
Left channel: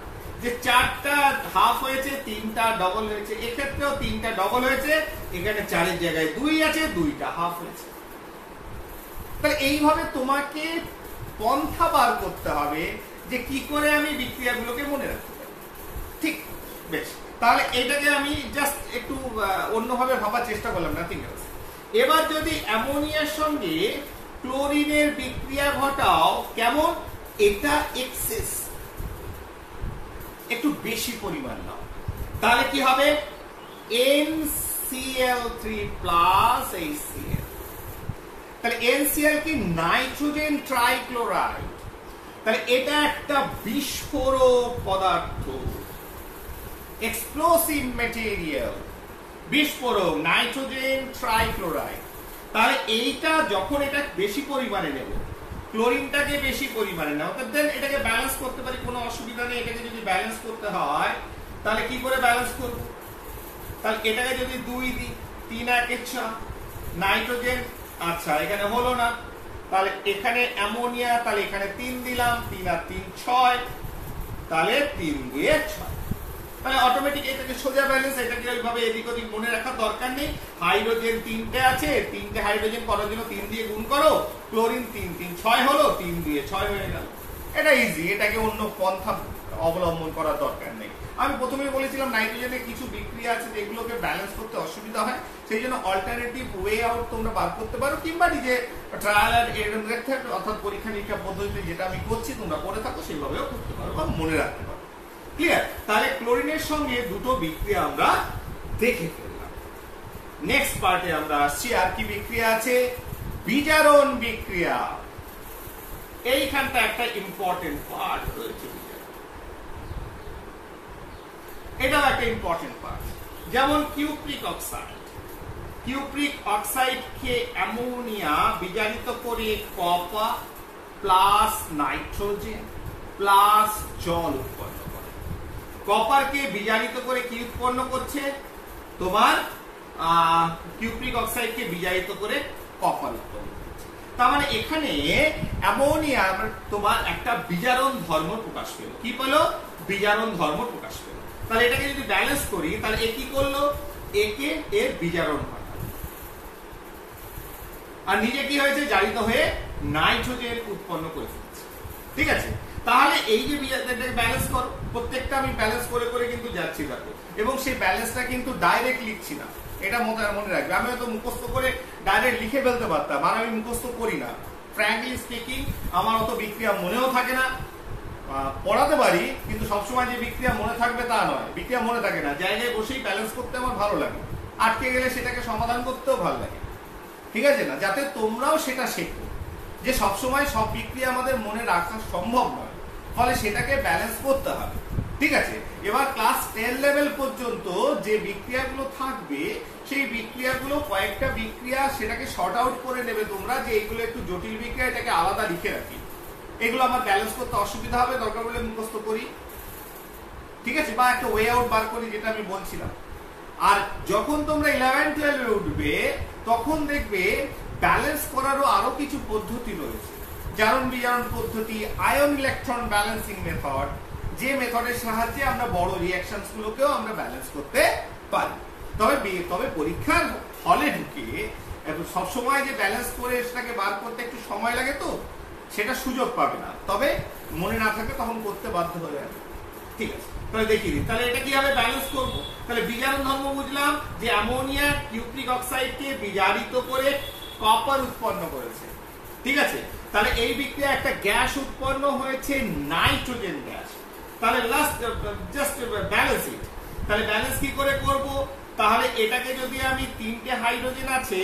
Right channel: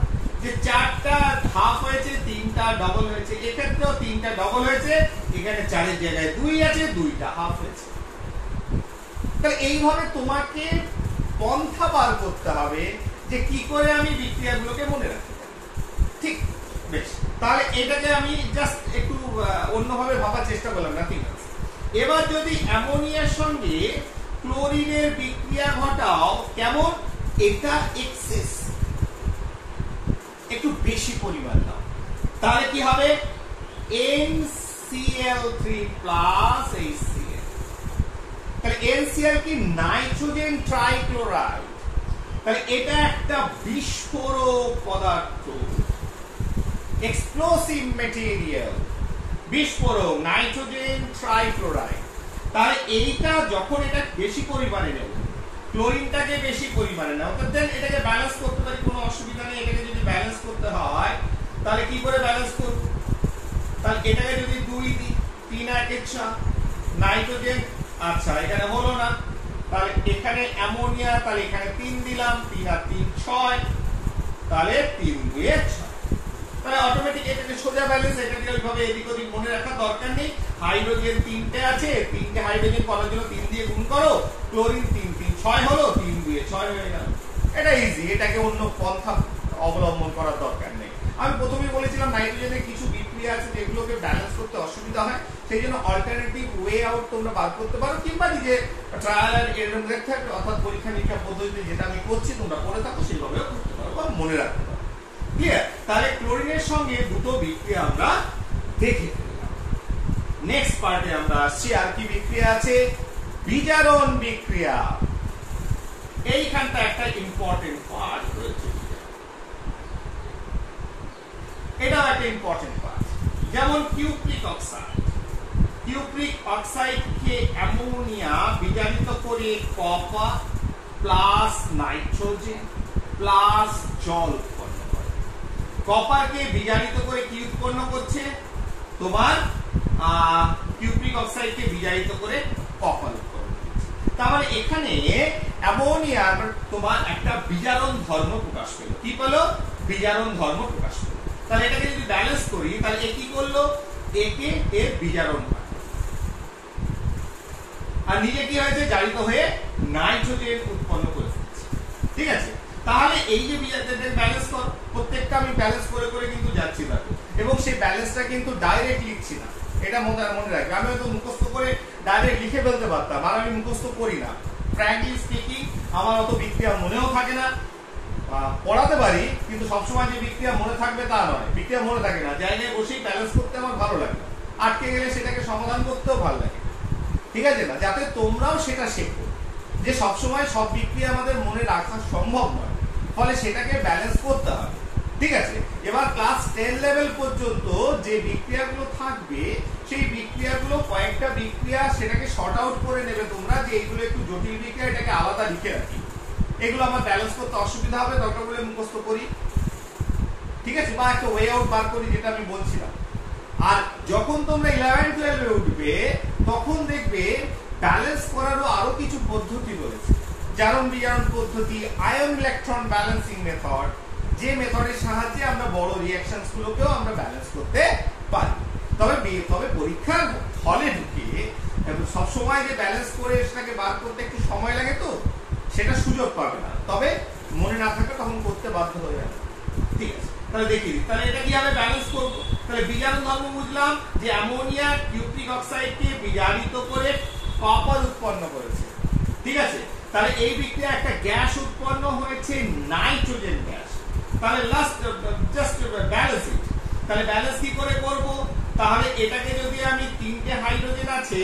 যে 4টা হাফ হয়েছে, 3টা ডবল হয়েছে। এক্ষেত্রেও 3টা ডবল হয়েছে, এখানে 4-এর জায়গায় 2 আছে, 2টা হাফ হয়েছে। তাহলে এইভাবে তোমাকে পন্থা বার করতে হবে যে কি করে আমি বিক্রিয়াগুলোকে মনে রাখতে পারি। ঠিক, বেশ। তাহলে এটাকে আমি জাস্ট একটু অন্যভাবে ভাবার চেষ্টা করলাম, না? ঠিক আছে। এবার যদি অ্যামোনিয়ার সঙ্গে ক্লোরিনের বিক্রিয়া ঘটাও, কেমন? এটা এক্সেস, একটু বেশি পরিমাণ নাও, তাহলে কি হবে? NCl3 plus HCl। তাহলে NCl কি? Nitrogen trichloride. তাহলে এটা একটা বিস্ফোরক পদার্থ, এক্সপ্লোসিভ ম্যাটেরিয়াল, বিস্ফোরক, নাইট্রোজেন ট্রাইক্লোরাইড। তাহলে এইটা যখন এটা বেশি পরিমাণে নেব, ক্লোরিনটাকে বেশি পরিমাণে নেব, দেন এটাকে ব্যালেন্স করতে পারি, কোনো অসুবিধা নেই। এটাকে যদি ব্যালেন্স করতে হয় তাহলে কি করে ব্যালেন্স করব? তাহলে এটাকে যদি 2 দিই, 3 1 6 নাইট্রোজেন, আচ্ছা এখানে হলো না, তাহলে এখানে অ্যামোনিয়া, তাহলে এখানে 3 দিলাম, 3 আর 3 6, তাহলে 3 2 6। তাহলে অটোমেটিক এটাকে সোজা ব্যালেন্স, এটাকে ওইভাবে এদিক ওদিক মনে রাখার দরকার নেই। হাইড্রোজেন 3টে আছে, 3টে হাইড্রোজেন করার জন্য 3 দিয়ে গুণ করো, ক্লোরিন 3 3 6 হলো, 3 2 6 হয়ে গেল। এটা ইজি, এটাকে অন্য পন্থা অবলম্বন করার দরকার নেই। আমি প্রথমেই বলেছিলাম নাইট্রোজেনের কিছু বিক্রিয়া আছে যেগুলোকে ব্যালেন্স করতে অসুবিধা হয়, সেই জন্য অল্টারনেটিভ ওয়ে আউট তোমরা বার করতে পারো, কিংবা নিজে ট্রায়াল আর এরর মেথড অর্থাৎ পরীক্ষা নিরীক্ষা পদ্ধতিতে যেটা আমি করছি তোমরা করে থাকো সেইভাবেও করতে পারো বা মনে রাখতে পারো। ক্লিয়ার? তাহলে ক্লোরিনের সঙ্গে দুটো বিক্রিয়া আমরা দেখে ফেললাম। নেক্সট পার্টে আমরা আসছি, আর কি বিক্রিয়া আছে? বিজারণ বিক্রিয়া। এইখানটা একটা ইম্পর্টেন্ট পার্ট রয়েছে, এটা একটা ইম্পর্টেন্ট পার্ট। যেমন কিউপ্রিক অক্সাইড, কিউপ্রিক অক্সাইডকে অ্যামোনিয়া বিজারিত করে কপার প্লাস নাইট্রোজেন প্লাস জল উৎপন্ন করে। কপারকে বিজারিত করে কি উৎপন্ন করছে? তোমার কিউপ্রিক অক্সাইডকে বিজারিত করে কপার উৎপন্ন করছে। তার মানে এখানে অ্যামোনিয়া তোমার একটা বিজারণ ধর্ম প্রকাশ পেল। কি পেলো? বিজারণ ধর্ম প্রকাশ পেল। তাহলে এটাকে যদি ব্যালেন্স করি, তাহলে এ কি করলো? একে এর বিজারণ হয়, আর নিজে কি হয়েছে, জারিত হয়ে নাইট্রোজেন উৎপন্ন করে ফেলছে। ঠিক আছে, তাহলে এই যে ব্যালেন্স করো, প্রত্যেকটা আমি ব্যালেন্স করে করে কিন্তু যাচ্ছি দেখো, এবং সেই ব্যালেন্সটা কিন্তু ডাইরেক্ট লিখছি না, এটা মনে রাখবে। আমি হয়তো মুখস্থ করে ডাইরেক্ট লিখে ফেলতে পারতাম, আর আমি মুখস্থ করি না। ফ্র্যাঙ্কলি স্পিকিং, আমার অত বিক্রিয়া মনেও থাকে না। পড়াতে পারি, কিন্তু সবসময় যে বিক্রিয়া মনে থাকবে তা নয়, বিক্রিয়া মনে থাকে না। জায়গায় বসেই ব্যালেন্স করতে আমার ভালো লাগে, আটকে গেলে সেটাকে সমাধান করতেও ভালো লাগে। ঠিক আছে না, যাতে তোমরাও সেটা শেখো যে সবসময় সব বিক্রিয়া আমাদের মনে রাখা সম্ভব নয়, ফলে সেটাকে ব্যালেন্স করতে হবে। ঠিক আছে, এবার ক্লাস 10 লেভেল পর্যন্ত যে বিক্রিয়াগুলো থাকবে, সেই বিক্রিয়াগুলো কয়েকটা বিক্রিয়া সেটাকে শর্ট আউট করে নেবে তোমরা, যে এইগুলো একটু জটিল বিক্রিয়া, এটাকে আলাদা লিখে রাখি। এগুলো আমার ব্যালেন্স করতে অসুবিধা হবে, দরকার বলে মুখস্থ করি। ঠিক আছে, বা একটা ওয়ে আউট বার করি, যেটা আমি বলছিলাম। আর যখন তোমরা 11-12 উঠবে, তখন দেখবে ব্যালেন্স করারও আরো কিছু পদ্ধতি রয়েছে। জারণ বিজারণ পদ্ধতি, আয়ন ইলেকট্রন ব্যালেন্সিং মেথড, যে মেথডের সাহায্যে আমরা বড় রিঅ্যাকশনস গুলোকেও আমরা ব্যালেন্স করতে পারি। তবে পরীক্ষার হলে ঢুকে সবসময় যে ব্যালেন্স করে সেটাকে বার করতে একটু সময় লাগে, তো সেটা সুযোগ পাবে না। তবে মনে না থাকে তখন করতে বাধ্য হয়ে যাবে। ঠিক আছে, তাহলে দেখি দিই, তাহলে এটা কিভাবে ব্যালেন্স করবো। তাহলে বিজারণ ধর্ম বুঝলাম যে অ্যামোনিয়া কিউপ্রিক অক্সাইডকে বিজারিত করে কপার উৎপন্ন করেছে। ঠিক আছে, তাহলে এই বিক্রিয়া একটা গ্যাস উৎপন্ন হয়েছে, নাইট্রোজেন গ্যাস। তাহলে জাস্ট ব্যালেন্স ইট। তাহলে ব্যালেন্স কি করে করব, তাহলে এটাকে যদি আমি 3টে হাইড্রোজেন আছে,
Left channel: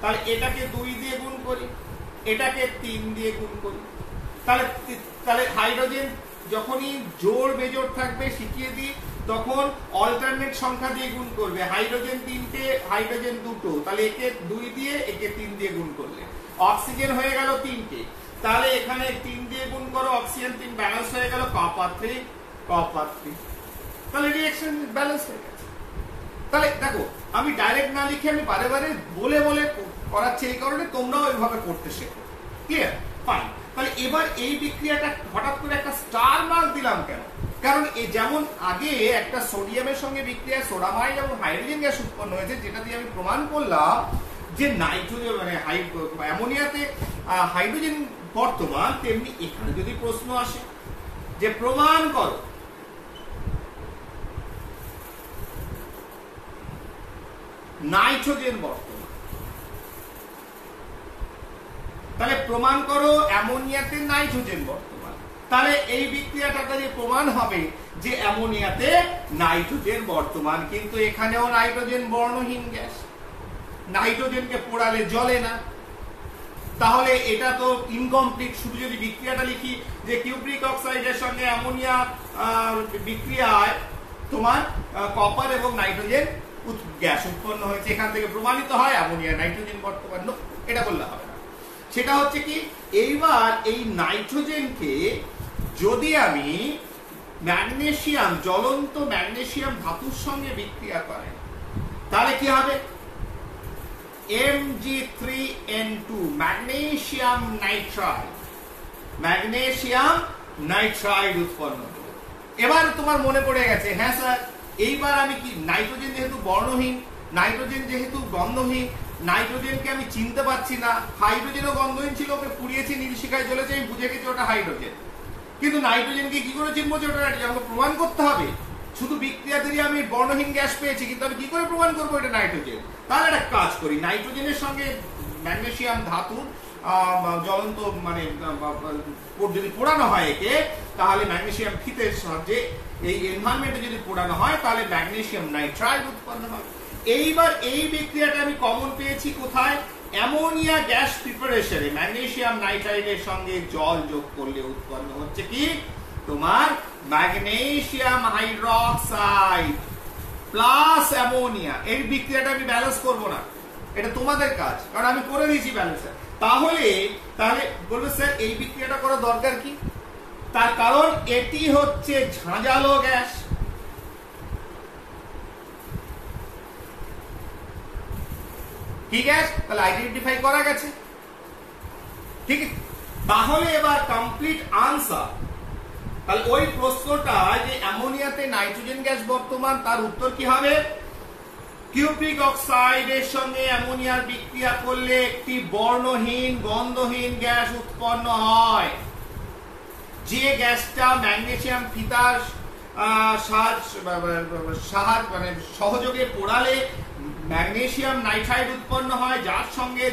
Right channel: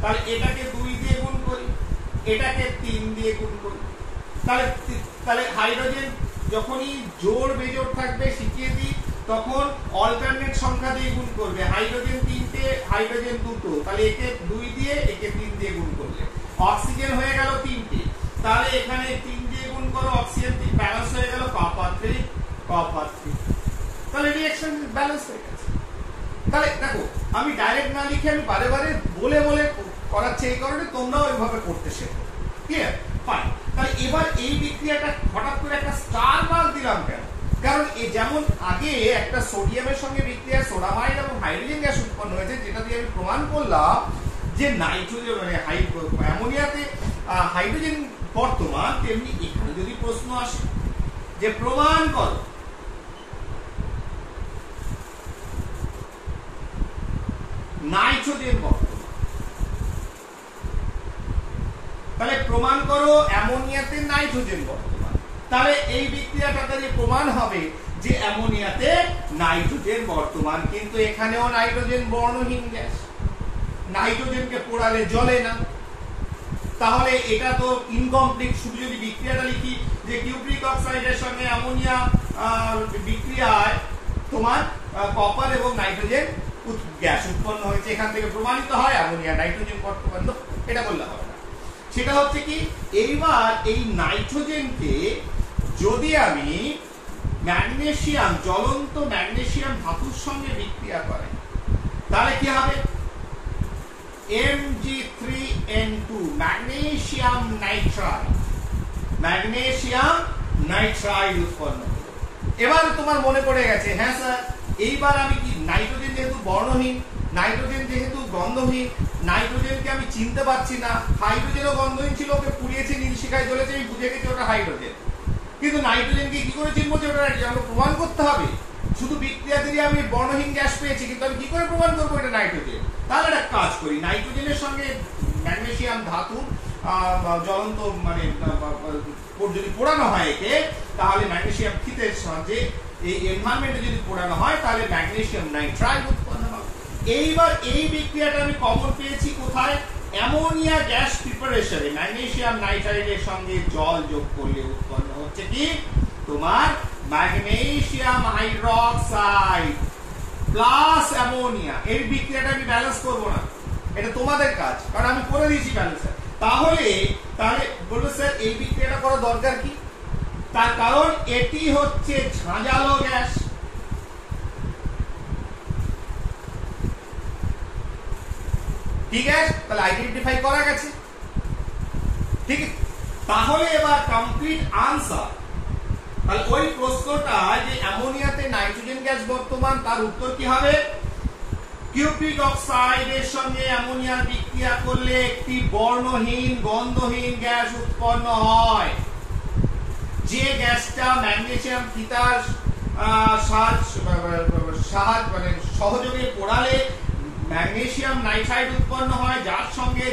তাহলে এটাকে 2 দিয়ে গুণ করি, এটাকে 3 দিয়ে গুণ করি। তাহলে হাইড্রোজেন যখনই জোড় বেজোড় থাকবে, শিখিয়ে দিই, তখন অল্টারনেট সংখ্যা দিয়ে গুণ করবে। হাইড্রোজেন 3টে, হাইড্রোজেন 2টো, তাহলে একে 2 দিয়ে, একে 3 দিয়ে গুণ করলে অক্সিজেন হয়ে গেল 3টে। তাহলে এখানে 3 দিয়ে গুণ করো, অক্সিজেন 3 ব্যালেন্স হয়ে গেল, কপার 3, কপার 3। তাহলে রিঅ্যাকশন ব্যালেন্স হয়ে গেছে। তাহলে দেখো, আমি ডাইরেক্ট না লিখে আমি বারে বারে বলে বলে করাচ্ছি, এই কারণে তোমরাও এইভাবে করতে শেখো। ক্লিয়ার? ফাইন। তাহলে এবার এই বিক্রিয়াটা হঠাৎ করে একটা স্টার মার্ক দিলাম কেন? কারণ যেমন আগে একটা সোডিয়ামের সঙ্গে বিক্রিয়া সোডামাইড এবং হাইড্রোজেন গ্যাস উৎপন্ন হয়েছে, যেটা দিয়ে আমি প্রমাণ করলাম যে নাইট্রোজেন মানে অ্যামোনিয়াতে হাইড্রোজেন বর্তমান। তেমনি এখানে যদি প্রশ্ন আসে যে প্রমাণ করো নাইট্রোজেন বর্তমান, তাহলে প্রমাণ করো অ্যামোনিয়াতে নাইট্রোজেন বর্তমান। তাহলে এই বিক্রিয়াটা যে প্রমাণ হবে যে অ্যামোনিয়াতে নাইট্রোজেন বর্তমান, কিন্তু এখানেও নাইট্রোজেন বর্ণহীন গ্যাস, নাইট্রোজেনকে পোড়ালে জ্বলে না। তাহলে এটা তো ইনকমপ্লিট। শুধু যদি বিক্রিয়াটা লিখি যে কিউপ্রিক অক্সাইডের সঙ্গে অ্যামোনিয়া বিক্রিয়ায় তোমার কপার এবং নাইট্রোজেন গ্যাস উৎপন্ন হয়েছে, এখান থেকে প্রমাণিত হয় অ্যামোনিয়া নাইট্রোজেন বর্তমান, এটা বললে হবে না। সেটা হচ্ছে কি, এইবার এই নাইট্রোজেনকে যদি আমি ম্যাগনেসিয়াম, জ্বলন্ত ম্যাগনেসিয়াম ধাতুর সঙ্গে বিক্রিয়া করে, তাহলে কি হবে, Mg3N2 magnesium nitride, magnesium nitride উৎপন্ন হলো। এবার তোমার মনে পড়ে গেছে, হ্যাঁ স্যার, এইবার আমি কি, নাইট্রোজেন যেহেতু বর্ণহীন, নাইট্রোজেন যেহেতু গন্ধহীন, নাইট্রোজেনকে আমি চিনতে পারছি না। হাইড্রোজেনও গন্ধহীন ছিল, ওকে পুড়িয়েছি, নীল শিখায় জ্বলেছে, আমি বুঝে গেছি ওটা হাইড্রোজেন। কিন্তু নাইট্রোজেনকে কি করে চিনবো যে ওটা আমাকে প্রমাণ করতে হবে। শুধু বিক্রিয়া দিয়ে আমি বর্ণহীন গ্যাস পেয়েছি, কিন্তু আমি কি করে প্রমাণ করবো এটা নাইট্রোজেন? তাহলে একটা কাজ করি, নাইট্রোজেনের সঙ্গে ম্যাগনেসিয়াম ধাতু জ্বলন্ত মানে যদি পোড়ানো হয় একে, তাহলে ম্যাগনেসিয়াম ফিতের সাহায্যে এই এনভায়রনমেন্টে যদি পোড়ানো হয়, তাহলে ম্যাগনেসিয়াম নাইট্রাইড উৎপন্ন হবে। এইবার এই বিক্রিয়াটা আমি কমন পেয়েছি কোথায়, অ্যামোনিয়া গ্যাস প্রিপারেশনে ম্যাগনেসিয়াম নাইট্রাইডের সঙ্গে জল যোগ করলে উৎপন্ন হচ্ছে কি, তোমার ম্যাগনেসিয়াম হাইড্রোক্সাইড প্লাস অ্যামোনিয়া। এই বিক্রিয়াটা আমি ব্যালেন্স করবো না, এটা তোমাদের কাজ, কারণ আমি করে দিয়েছি ব্যালেন্স। তাহলে বলবে স্যার এই বিক্রিয়াটা করা দরকার কি? তার কারণ এটি হচ্ছে ঝাঁঝালো গ্যাস। কি গ্যাস? তাহলে আইডেন্টিফাই করা গেছে। ঠিক আছে, তাহলে এবার কমপ্লিট আনসার। তাহলে ওই প্রশ্নটা যে অ্যামোনিয়াতে নাইট্রোজেন গ্যাস বর্তমান, তার উত্তর কি হবে, কিউপ্রিক অক্সাইডের সঙ্গে অ্যামোনিয়ার বিক্রিয়া করলে একটি বর্ণহীন গন্ধহীন গ্যাস উৎপন্ন হয়। যে গ্যাসটা ম্যাগনেসিয়াম ফিতার মানে সহযোগে পোড়ালে ম্যাগনেসিয়াম নাইট্রাইড উৎপন্ন হয়, যার সঙ্গে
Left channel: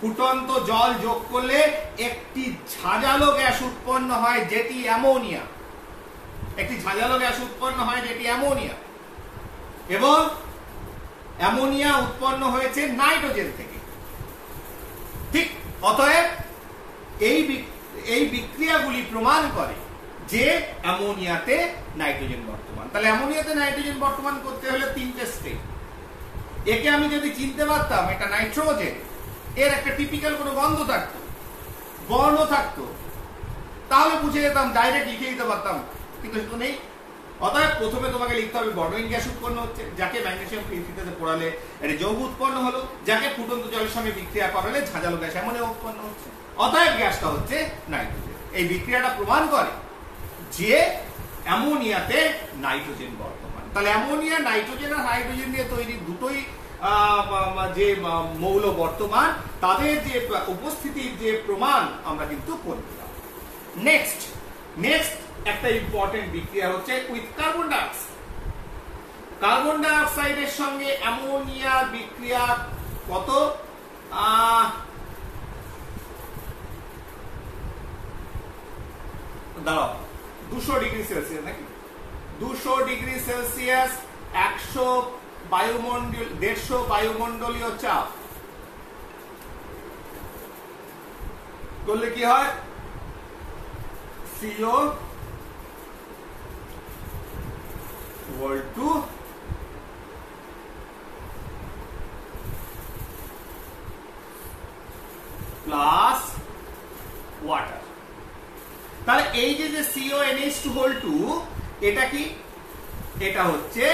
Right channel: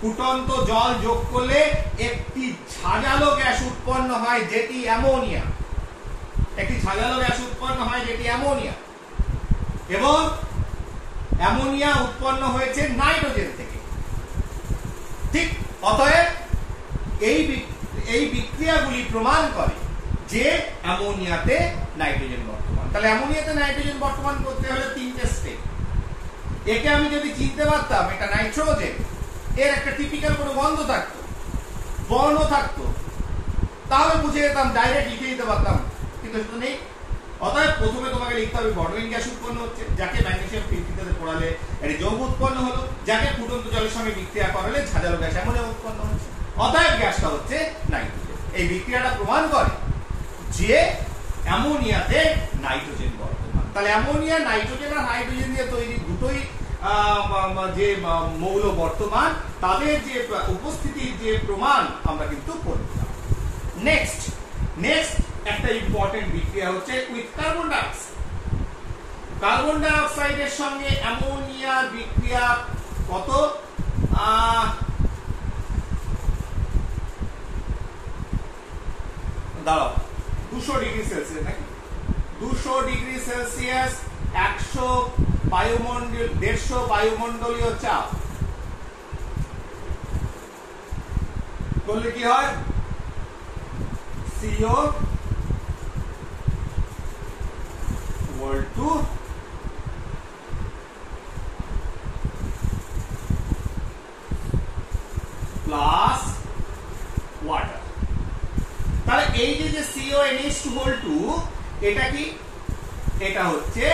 ফুটন্ত জল যোগ করলে একটি ঝাঁঝালো গ্যাস উৎপন্ন হয় যেটি অ্যামোনিয়া। এবং অ্যামোনিয়া উৎপন্ন হয়েছে নাইট্রোজেন থেকে। ঠিক, অতএব এই বিক্রিয়াগুলি প্রমাণ করে যে অ্যামোনিয়াতে নাইট্রোজেন বর্তমান। তাহলে অ্যামোনিয়াতে নাইট্রোজেন বর্তমান করতে হলে 3টে স্টেপ। একে আমি যদি চিনতে পারতাম এটা নাইট্রোজেন, এর একটা টিপিক্যাল কোনো গন্ধ থাকতো, বর্ণ থাকতো, তাহলে বুঝে যেতাম, ডাইরেক্ট লিখে দিতে পারতাম, কিন্তু সেটা নেই। অতএব প্রথমে তোমাকে লিখতে হবে বর্ণহীন গ্যাস উৎপন্ন হচ্ছে, যাকে ম্যাগনেসিয়াম ফিতাতে পোড়ালে একটা যৌগ উৎপন্ন হলো, যাকে ফুটন্ত জলের সঙ্গে বিক্রিয়া করালে ঝাঁঝালো গ্যাস অ্যামোনিয়া উৎপন্ন হচ্ছে। অতএব গ্যাসটা হচ্ছে নাইট্রোজেন। এই বিক্রিয়াটা প্রমাণ করে যে অ্যামোনিয়াতে নাইট্রোজেন বর্তমান। তাহলে অ্যামোনিয়া নাইট্রোজেন আর হাইড্রোজেন দিয়ে তৈরি দুটোই যে মৌল বর্তমান, তাদের যে উপস্থিতির যে প্রমাণ আমরা কিন্তু করলাম। নেক্সট একটা ইম্পর্টেন্ট বিক্রিয়া হচ্ছে উইথ কার্বন ডাইঅক্সাইড। কার্বন ডাইঅক্সাইডের সঙ্গে অ্যামোনিয়া বিক্রিয়া কত? 200 ডিগ্রি সেলসিয়াস নাকি? 200 ডিগ্রি সেলসিয়াস, 150 বায়ুমণ্ডলীয় চাপ করলে কি হয়? CO = plus water. তাহলে এই যে CONH2 এটা কি? এটা হচ্ছে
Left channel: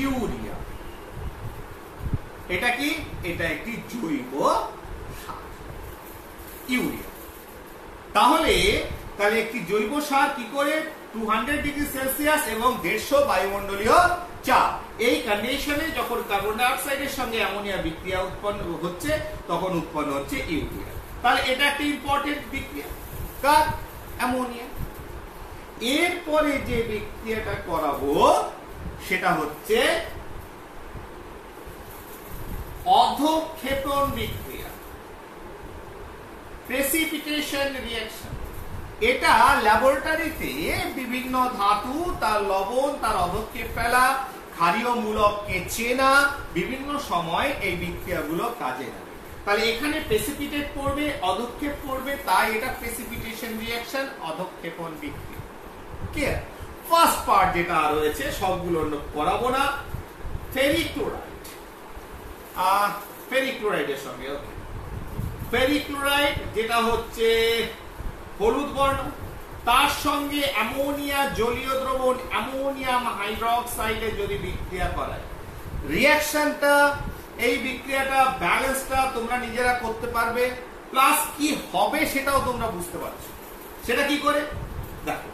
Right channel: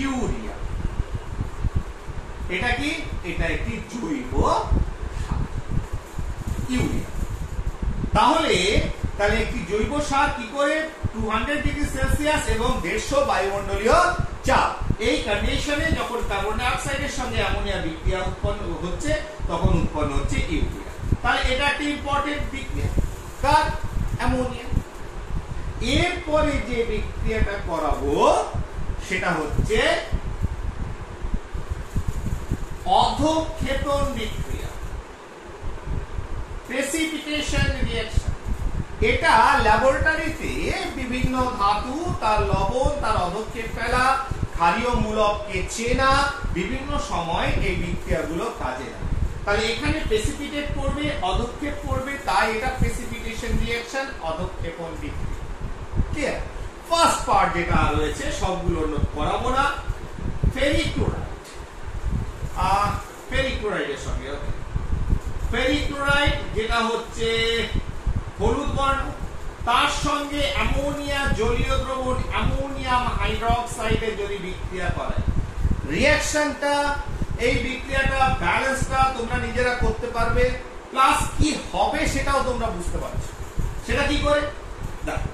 ইউরিয়া। এটা কি? এটা একটি জৈব সার, ইউরিয়া। তাহলে একটি জৈব সার কি করে 200 ডিগ্রি সেলসিয়াস এবং 150 বায়ুমণ্ডলীয় চাপ, এই কন্ডিশনে যখন কার্বন ডাইঅক্সাইডের সঙ্গে অ্যামোনিয়া বিক্রিয়া উৎপন্ন হচ্ছে, তখন উৎপন্ন হচ্ছে ইউরিয়া। তাহলে এটা একটা ইম্পর্টেন্ট বিক্রিয়া, কার? অ্যামোনিয়া। এরপরে যে বিক্রিয়াটা করাবো সেটা হচ্ছে অধঃক্ষেপণ বিক্রিয়া, প্রেসিপিটেশন রিঅ্যাকশন। এটা ল্যাবরেটরিতে বিভিন্ন ধাতু, তার লবণ, তার অধঃক্ষেপ ফেলা, ক্ষারীয় মূলককে চেনা, বিভিন্ন সময় এই বিক্রিয়াগুলো কাজে লাগে। তাহলে এখানে প্রেসিপিটেট করবে, অধঃক্ষেপ করবে, তাই এটা প্রেসিপিটেশন রিঅ্যাকশন, অধঃক্ষেপণ বিক্রিয়া। ক্লিয়ার? ফার্স্ট পার্ট যেটা রয়েছে সবগুলো করাবো না। ফেরিক ক্লোরাইডের সঙ্গে ফেরিক ক্লোরাইড যেটা হচ্ছে হলুদ বর্ণ, তার সঙ্গে অ্যামোনিয়া জলীয় দ্রবণ অ্যামোনিয়াম হাইড্রোক্সাইডে যদি বিক্রিয়া করায়, রিঅ্যাকশনটা, এই বিক্রিয়াটা, ব্যালেন্সটা তোমরা নিজেরা করতে পারবে, প্লাস কি হবে সেটাও তোমরা বুঝতে পারছো। সেটা কি করে? দেখো,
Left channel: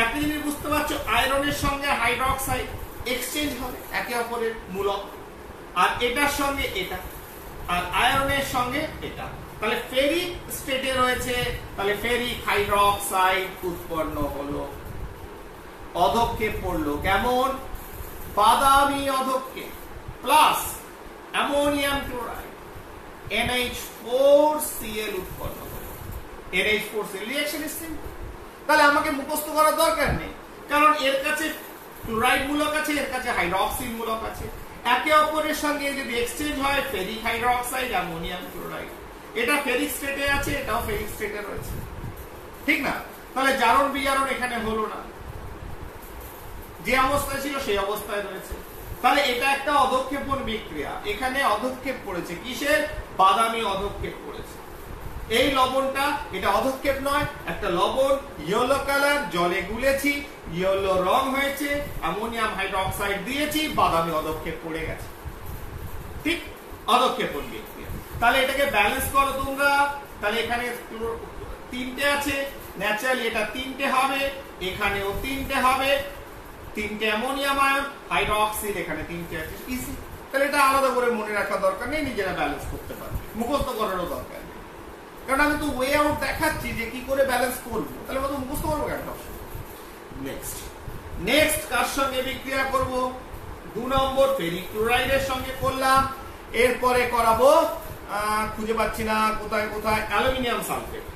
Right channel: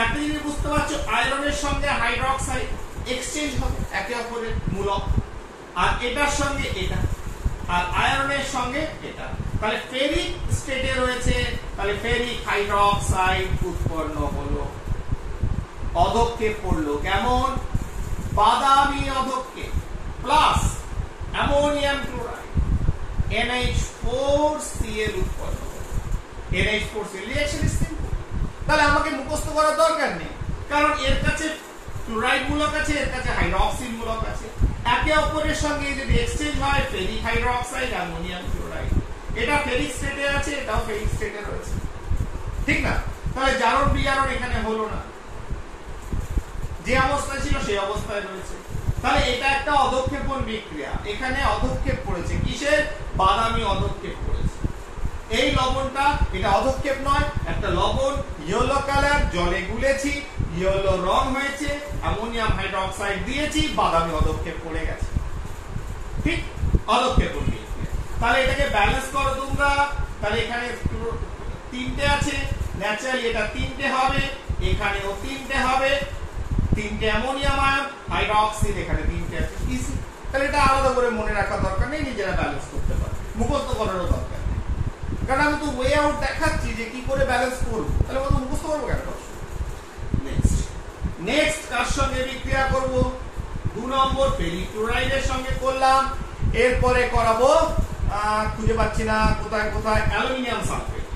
একটা জিনিস বুঝতে পারছো, আয়রনের সঙ্গে হাইড্রোক্সাইড এক্সচেঞ্জ হবে, একে অপরের মূলক, আর এটার সঙ্গে এটা, আর আয়রনের সঙ্গে এটা। তাহলে ফেরিক স্টেটে রয়েছে, তাহলে ফেরিক হাইড্রোক্সাইড উৎপন্ন হলো, অধঃক্ষেপ পড়লো কেমন? বাদামি অধঃক্ষেপ, প্লাস অ্যামোনিয়াম ক্লোরাইড NH4Cl উৎপন্ন হলো। NH4Cl reaction is simple. তাহলে আমাকে মুখস্থ করার দরকার নেই, কারণ এর কাছে ক্লোরাইড মূলক আছে, এর কাছে হাইড্রক্সিল মূলক আছে, একে অপরের সঙ্গে যদি এক্সচেঞ্জ হয়, ফেরিক হাইড্রোক্সাইড অ্যামোনিয়াম ক্লোরাইড, এটা ফেরিক স্টেটে আছে, এটাও ফেরিক স্টেটে রয়েছে, ঠিক না? তাহলে জারণ বিজারণ এখানে হলো না, যে অবস্থায় ছিল সেই অবস্থায় রয়েছে। তাহলে এটা একটা অধঃক্ষেপণ বিক্রিয়া, এখানে অধঃক্ষেপ পড়েছে, কিসের? বাদামি অধঃক্ষেপ পড়েছে। এই লবণটা, এটা অধঃক্ষেপ নয়, একটা লবণ, ইয়েলো কালার, জলে গুলেছি, ইয়েলো রং হয়েছে, অ্যামোনিয়াম হাইড্রোক্সাইড দিয়েছি, বাদামি অধঃক্ষেপ পড়ে গেছে। ঠিক, অধঃক্ষেপণ বিক্রিয়া। তাহলে এটাকে ব্যালেন্স করো তোমরা। তাহলে এখানে 3টে আছে, ন্যাচারালি এটা 3টে হবে, এখানেও 3টে হবে, তিনটে অ্যামোনিয়াম আয়ন, হাইড্রক্সিল এখানে তিনটে আছে, ইজি। তাহলে এটা আলাদা করে মনে রাখার দরকার নেই, নিজেরা ব্যালেন্স করতে পারবে, মুখস্থ করারও দরকার নেই। কারণ আমি তো ওয়ে আউট দেখাচ্ছি যে কি করে ব্যালেন্স করবো, তাহলে আমি তো মুখস্থ করবো কেন? নেক্সট কার সঙ্গে বিক্রিয়া করব? 2 নম্বর ফেরিক্লোরাইডের সঙ্গে করলাম। এরপরে করাবো খুঁজে পাচ্ছি না কোথায় কোথায়, aluminium sulphate,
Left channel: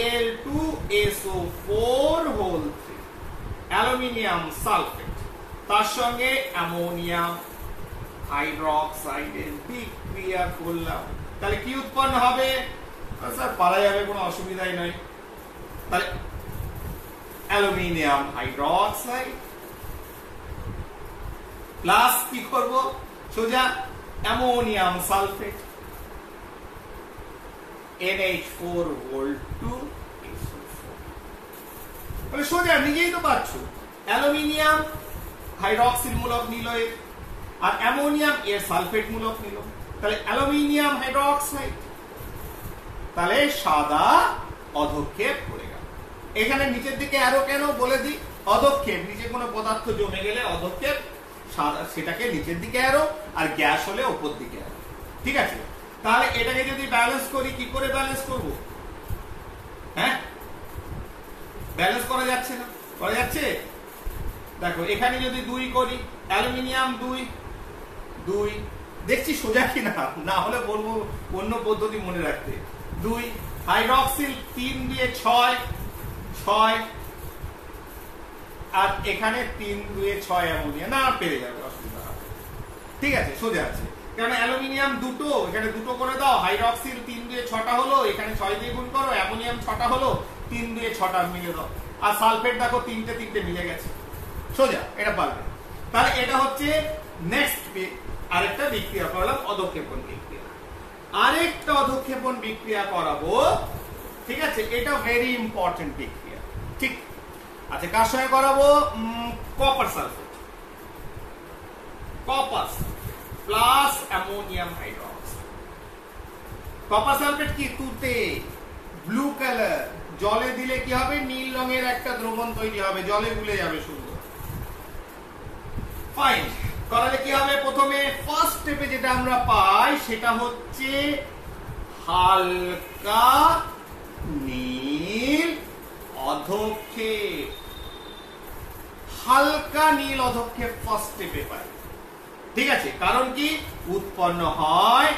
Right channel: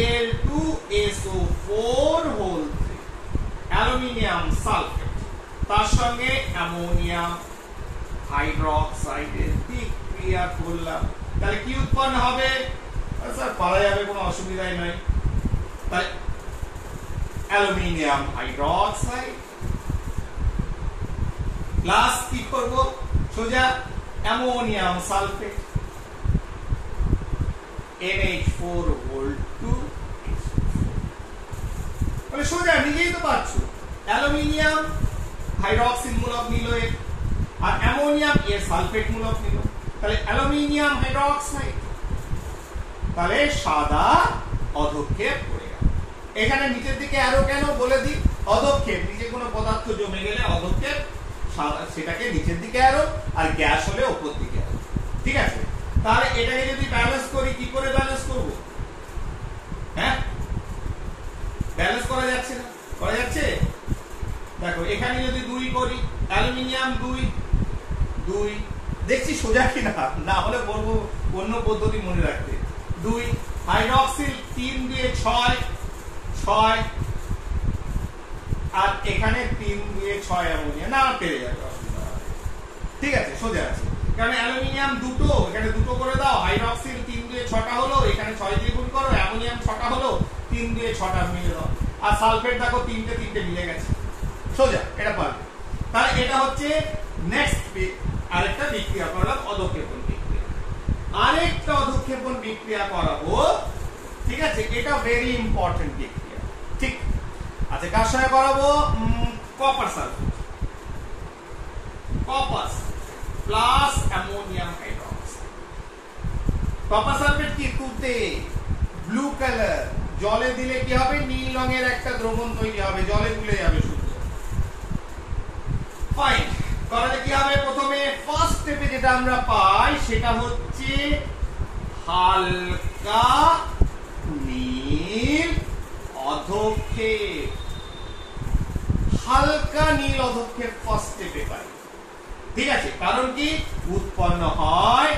Al2SO4 whole 3, aluminium sulphate, তার সঙ্গে অ্যামোনিয়াম হাইড্রক্সাইডের বিক্রিয়া করলাম। তাহলে কি উৎপন্ন হবে? স্যার পারা যাবে, কোনো অসুবিধাই নয়। তাহলে অ্যালুমিনিয়াম হাইড্রক্সাইড প্লাস কি করব? সোজা অ্যামোনিয়াম সালফেট, NH4 হোল 2, তাহলে সোজা নিজেই তো পাচ্ছ, অ্যালুমিনিয়াম হাইড্রক্সিল মূলক নিল আর অ্যামোনিয়াম এর সালফেট মূলক নিল, তাহলে অ্যালুমিনিয়াম হাইড্রক্সাইড, তাহলে সাদা অধক্ষেপ করে গেল। এখানে নিচের দিকে আরো কেন বলে দিই, অধক্ষেপ নিচে কোনো পদার্থ জমে গেলে অধক্ষেপ, সাদা সেটাকে নিচের দিকে আরো, আর গ্যাস হলে উপর দিকে আরো, ঠিক আছে? তাহলে এটাকে যদি ব্যালেন্স করি, কি করে ব্যালেন্স করব? হ্যাঁ, ব্যালেন্স করা যাচ্ছে না, করা যাচ্ছে? দেখো এখানে যদি 2 করি, অ্যালুমিনিয়াম 2 দেখছি সোজা কিনা, না হলে বলবো অন্য পদ্ধতি মনে রাখতে। 2 হাইড্রক্সিল 3 দিয়ে 6, আর এখানে 3 দিয়ে 6 অ্যামোনিয়া, না পেরে যাবে, অসুবিধা হবে, ঠিক আছে, সোজা আছে। কারণ অ্যালুমিনিয়াম 2, এখানে 2 করে দাও, হাইড্রক্সিল 3 দিয়ে 6টা হলো, এখানে 6 দিয়ে গুণ করো, অ্যামোনিয়াম 6টা হলো, 3 দিয়ে 6টা মিলে দাও, আর সালফেট দেখো 3টে মিলে গেছে, সোজা, এটা পারবে। তাহলে এটা হচ্ছে নেক্সট আরেকটা বিক্রিয়া করলাম, অধক্ষেপণ বিক্রিয়া। আরেকটা অধক্ষেপণ বিক্রিয়া করাবো, ঠিক আছে? এটা ভেরি ইম্পর্টেন্ট বিক্রিয়া, ঠিক আছে? কার সঙ্গে করাবো? Copper sulphate, copper plus ammonium hydroxide. Copper sulphate কি তুতে, ব্লু কালার, জলে দিলে কি হবে? নীল রঙের একটা দ্রবণ তৈরি হবে, জলে গুলে যাবে, সুন্দর, ফাইন। তাহলে কি হবে? প্রথমে ফার্স্ট স্টেপে যেটা আমরা পাই সেটা হচ্ছে হালকা নীল অধক্ষেপ, হালকা নীল অধক্ষেপ ফার্স্ট স্টেপে পাই, ঠিক আছে? কারণ কি উৎপন্ন হয়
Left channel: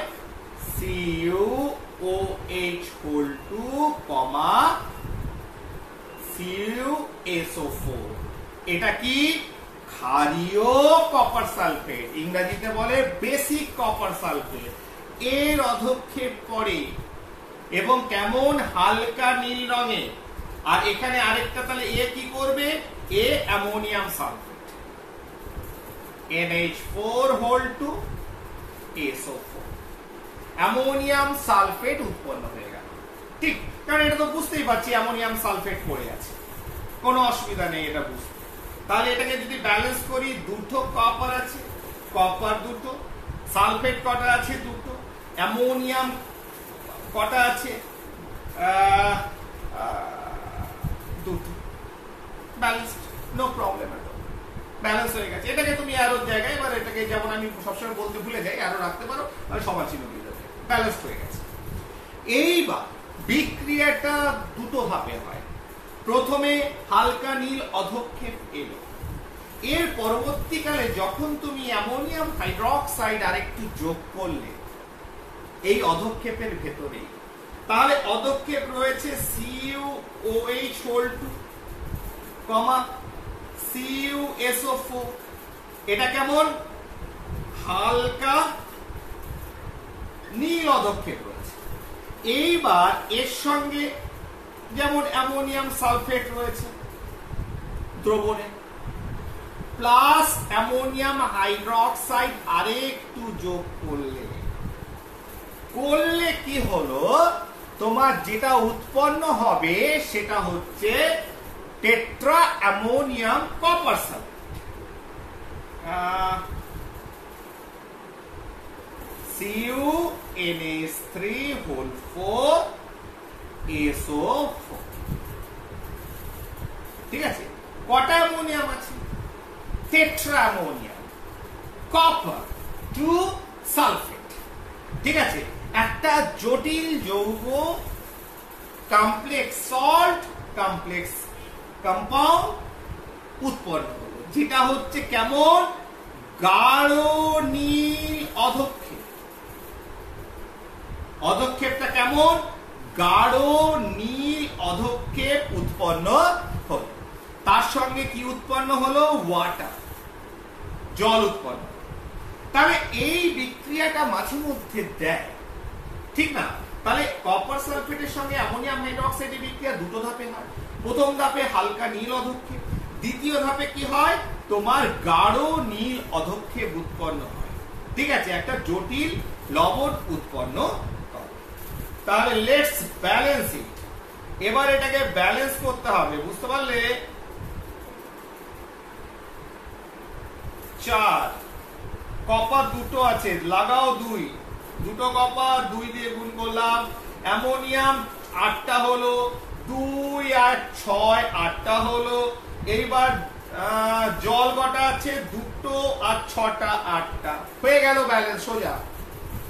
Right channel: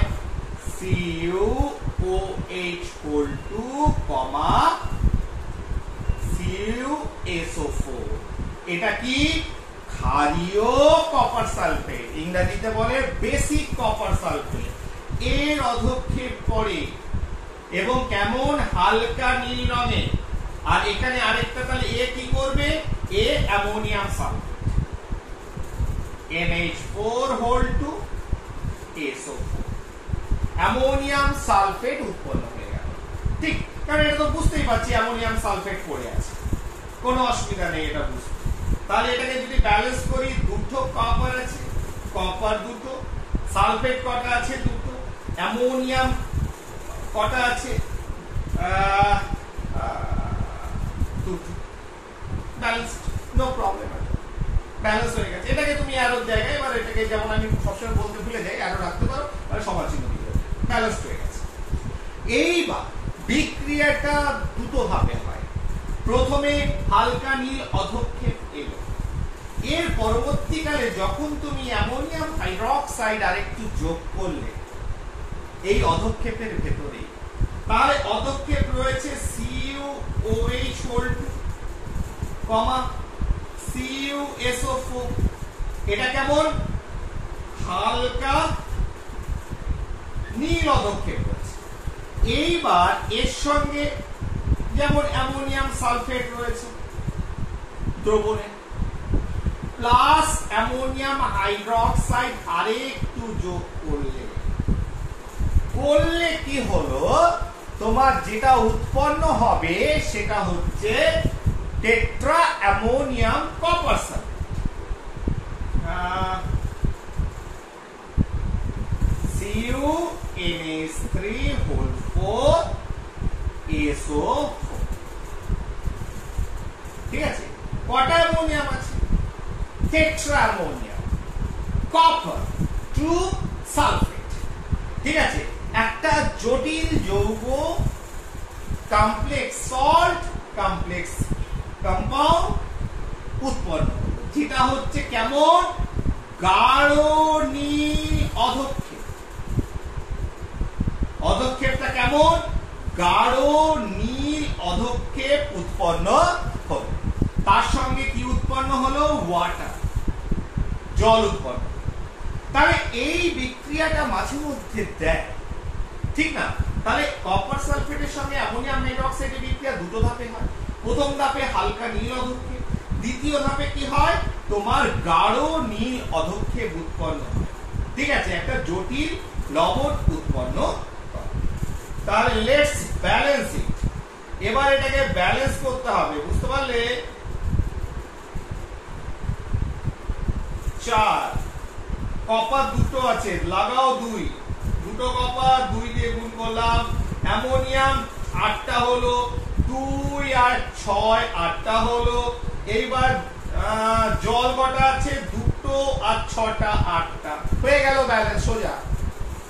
CuOH হোল 2, CuSO4, এটা কি? ক্ষারীয় কপার সালফেট, ইংরেজিতে বলে বেসিক কপার সালফেট। এর অধক্ষেপ করে এবং কেমন? হালকা নীল রঙে। আর এখানে আরেকটা, তাহলে এ কি করবে? এ ammonium sulphate, NH4 whole 2, SO4, ammonium sulphate উৎপন্ন হয়ে গেল, ঠিক? কারণ এটা তো বুঝতেই পারছি অ্যামোনিয়াম সালফেট পড়ে আছে, কোনো অসুবিধা নেই এটা বুঝতে। তাহলে এটাকে যদি ব্যালেন্স করি, 2 কপার আছে, কপার 2, সালফেট কটা আছে? 2, অ্যামোনিয়াম কটা আছে? 2, ব্যালেন্স, নো প্রবলেম, ব্যালেন্স হয়ে গেছে। এটাকে তুমি আরো জায়গায়, এবার এটাকে যেমন আমি সবসময় বলতে ভুলে যাই, আরো রাখতে পারো, তাহলে সমান চিহ্ন দিয়ে দেবে, ব্যালেন্স হয়ে গেছে। এইবার বিক্রিয়াটা 2 ধাপে হয়। প্রথমে হালকা নীল অধক্ষেপ এলো, এর পরবর্তীকালে যখন তুমি অ্যামোনিয়াম হাইড্রক্সাইড আরেকটু যোগ করলে এই অধক্ষেপের ভেতরে, তাহলে অধক্ষেপ রয়েছে CuOH হোল 2, CuSO4, এটা কেমন? হালকা নীল অধক্ষেপ রয়েছে। এইবার এর সঙ্গে যেমন অ্যামোনিয়াম সালফেট রয়েছে দ্রবণে, প্লাস অ্যামোনিয়াম হাইড্রক্সাইড আরেকটু যোগ করলে কি হলো? তোমার যেটা উৎপন্ন হবে সেটা হচ্ছে tetra ammonium copper sulphate, CuNH3 whole 4, SO4, ঠিক আছে? কটা অ্যামোনিয়াম আছে? Tetra ammonia, copper 2 sulphate. ঠিক আছে, একটা জটিল যৌগ কমপ্লেক্স সল্ট, কমপ্লেক্স কম্পাউন্ড উৎপন্ন হলো, যেটা হচ্ছে কেমন গাঢ় নীল অধক্ষেপ। অধক্ষেপটা কেমন গাঢ় নীল অধক্ষেপ উৎপন্ন হলো। তার সঙ্গে কি উৎপন্ন হলো ওয়াটার, জল উৎপন্ন। তাহলে এই বিক্রিয়াটা মাঝে মধ্যে দেয়, ঠিক না? তাহলে কপার সালফেটের সঙ্গে অ্যামোনিয়াম হাইড্রোক্সাইডের বিক্রিয়া দুটো ধাপে হয়। প্রথম ধাপে হালকা নীল অধক্ষেপ, দ্বিতীয় ধাপে কি হয় তোমার গাঢ় নীল অধক্ষেপ উৎপন্ন হয়। ঠিক আছে, একটা জটিল লবণ উৎপন্ন হয়। তাহলে লেটস ব্যালেন্স ইট। এবার এটাকে ব্যালেন্স করতে হবে, বুঝতে পারলে? 4 কপার দুটো আছে, লাগাও 2, দুটো কপার 2 দিয়ে গুণ করলাম। অ্যামোনিয়াম 8টা হলো, 2 আর 6 8টা হলো। এইবার জল কটা আছে 2 আর 6টা 8টা, হয়ে গেল ব্যালেন্স সোজা।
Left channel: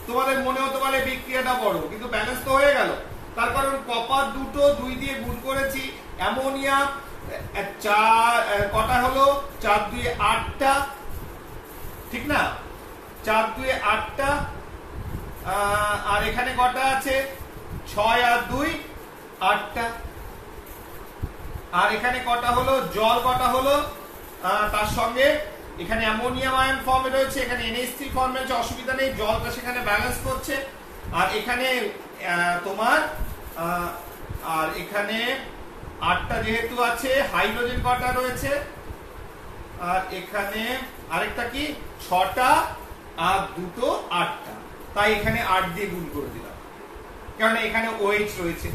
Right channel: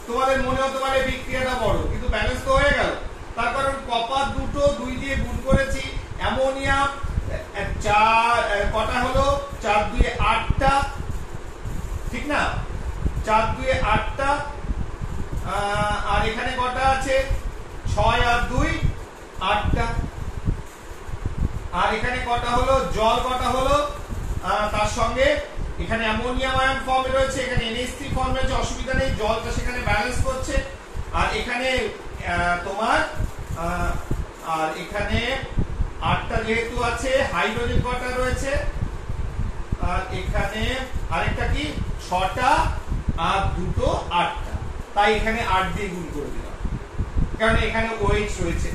তোমাদের মনে হতে পারে বিক্রিয়াটা বড়, কিন্তু ব্যালেন্স তো হয়ে গেল। তার কারণ কপার দুটো 2 দিয়ে গুণ করেছি, অ্যামোনিয়াম 4 কটা হলো 4 2 8টা, ঠিক না? 4 2 8টা, আর এখানে কটা আছে 6 আর 2 8টা, আর এখানে কটা হলো জল কটা হলো, তার সঙ্গে এখানে অ্যামোনিয়াম আয়ন ফর্মে রয়েছে, এখানে NH3 ফর্মে রয়েছে, অসুবিধা নেই, জলটা সেখানে ব্যালেন্স করছে। আর এখানে তোমার আর এখানে 8টা যেহেতু আছে, হাইড্রোজেন কটা রয়েছে, আর এখানে আরেকটা কি 6টা আর দুটো 8টা, তাই এখানে 8 দিয়ে গুণ করে দিলাম, কারণ এখানে OH রয়েছে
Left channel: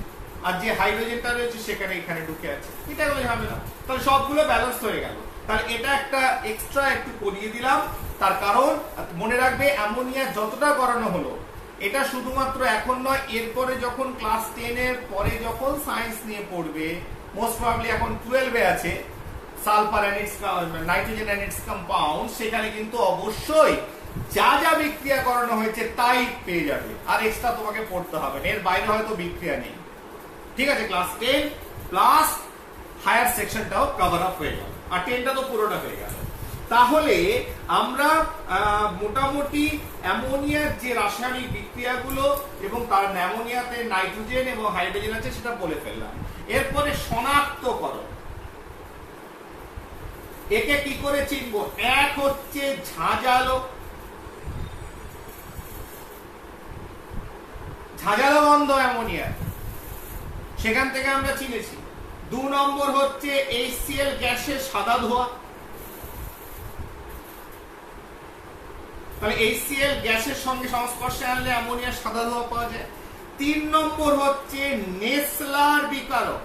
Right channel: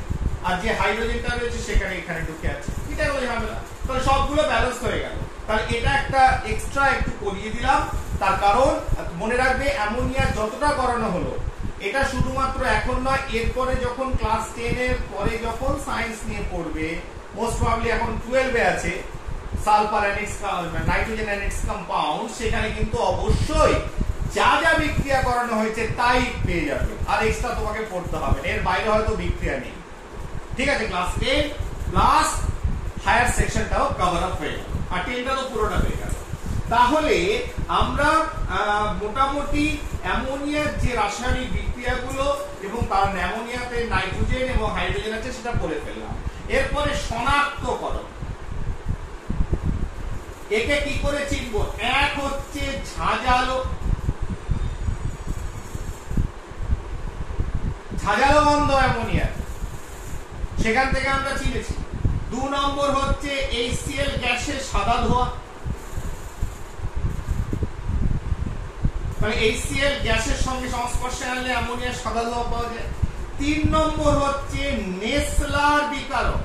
আর যে হাইড্রোজেনটা রয়েছে সেখানে এখানে ঢুকে আছে। এটা বলে হবে না, তাহলে সবগুলো ব্যালেন্স হয়ে গেল। তাহলে এটা একটা এক্সট্রা একটু করিয়ে দিলাম, তার কারণ মনে রাখবে অ্যামোনিয়া যতটা করানো হলো এটা শুধুমাত্র এখন নয়, এরপরে যখন ক্লাস 10 এর পরে যখন সায়েন্স নিয়ে পড়বে, মোস্ট প্রবাবলি এখন 12 এ আছে সালফার অ্যানিক্স নাইট্রোজেন অ্যানিক্স কম্পাউন্ড, সেখানে কিন্তু অবশ্যই যা যা বিক্রিয়া করানো হয়েছে তাই পেয়ে যাবে, আর এক্সট্রা তোমাকে পড়তে হবে না, এর বাইরে হয়তো বিক্রিয়া নেই। ঠিক আছে, ক্লাস 10 প্লাস হায়ার সেকশনটাও কভার আপ হয়ে গেল, আর 10টা তো পুরোটা হয়ে গেল। তাহলে আমরা মোটামুটি অ্যামোনিয়ার যে রাসায়নিক বিক্রিয়াগুলো এবং তার অ্যামোনিয়াতে নাইট্রোজেন এবং হাইড্রোজেন আছে সেটা বলে ফেললাম। এরপরে শনাক্তকরণ, একে কি করে চিনবো? এক হচ্ছে ঝাঁঝালো, ঝাঁঝালো গন্ধ অ্যামোনিয়া, সেখান থেকে আমরা চিনেছি। 2 নম্বর হচ্ছে HCl গ্যাসের সাদা ধোঁয়া, তাহলে HCl গ্যাসের সঙ্গে সংস্পর্শে আনলে অ্যামোনিয়ার সাদা ধোঁয়া পাওয়া যায়। 3 নম্বর হচ্ছে নেসলার বিকারক,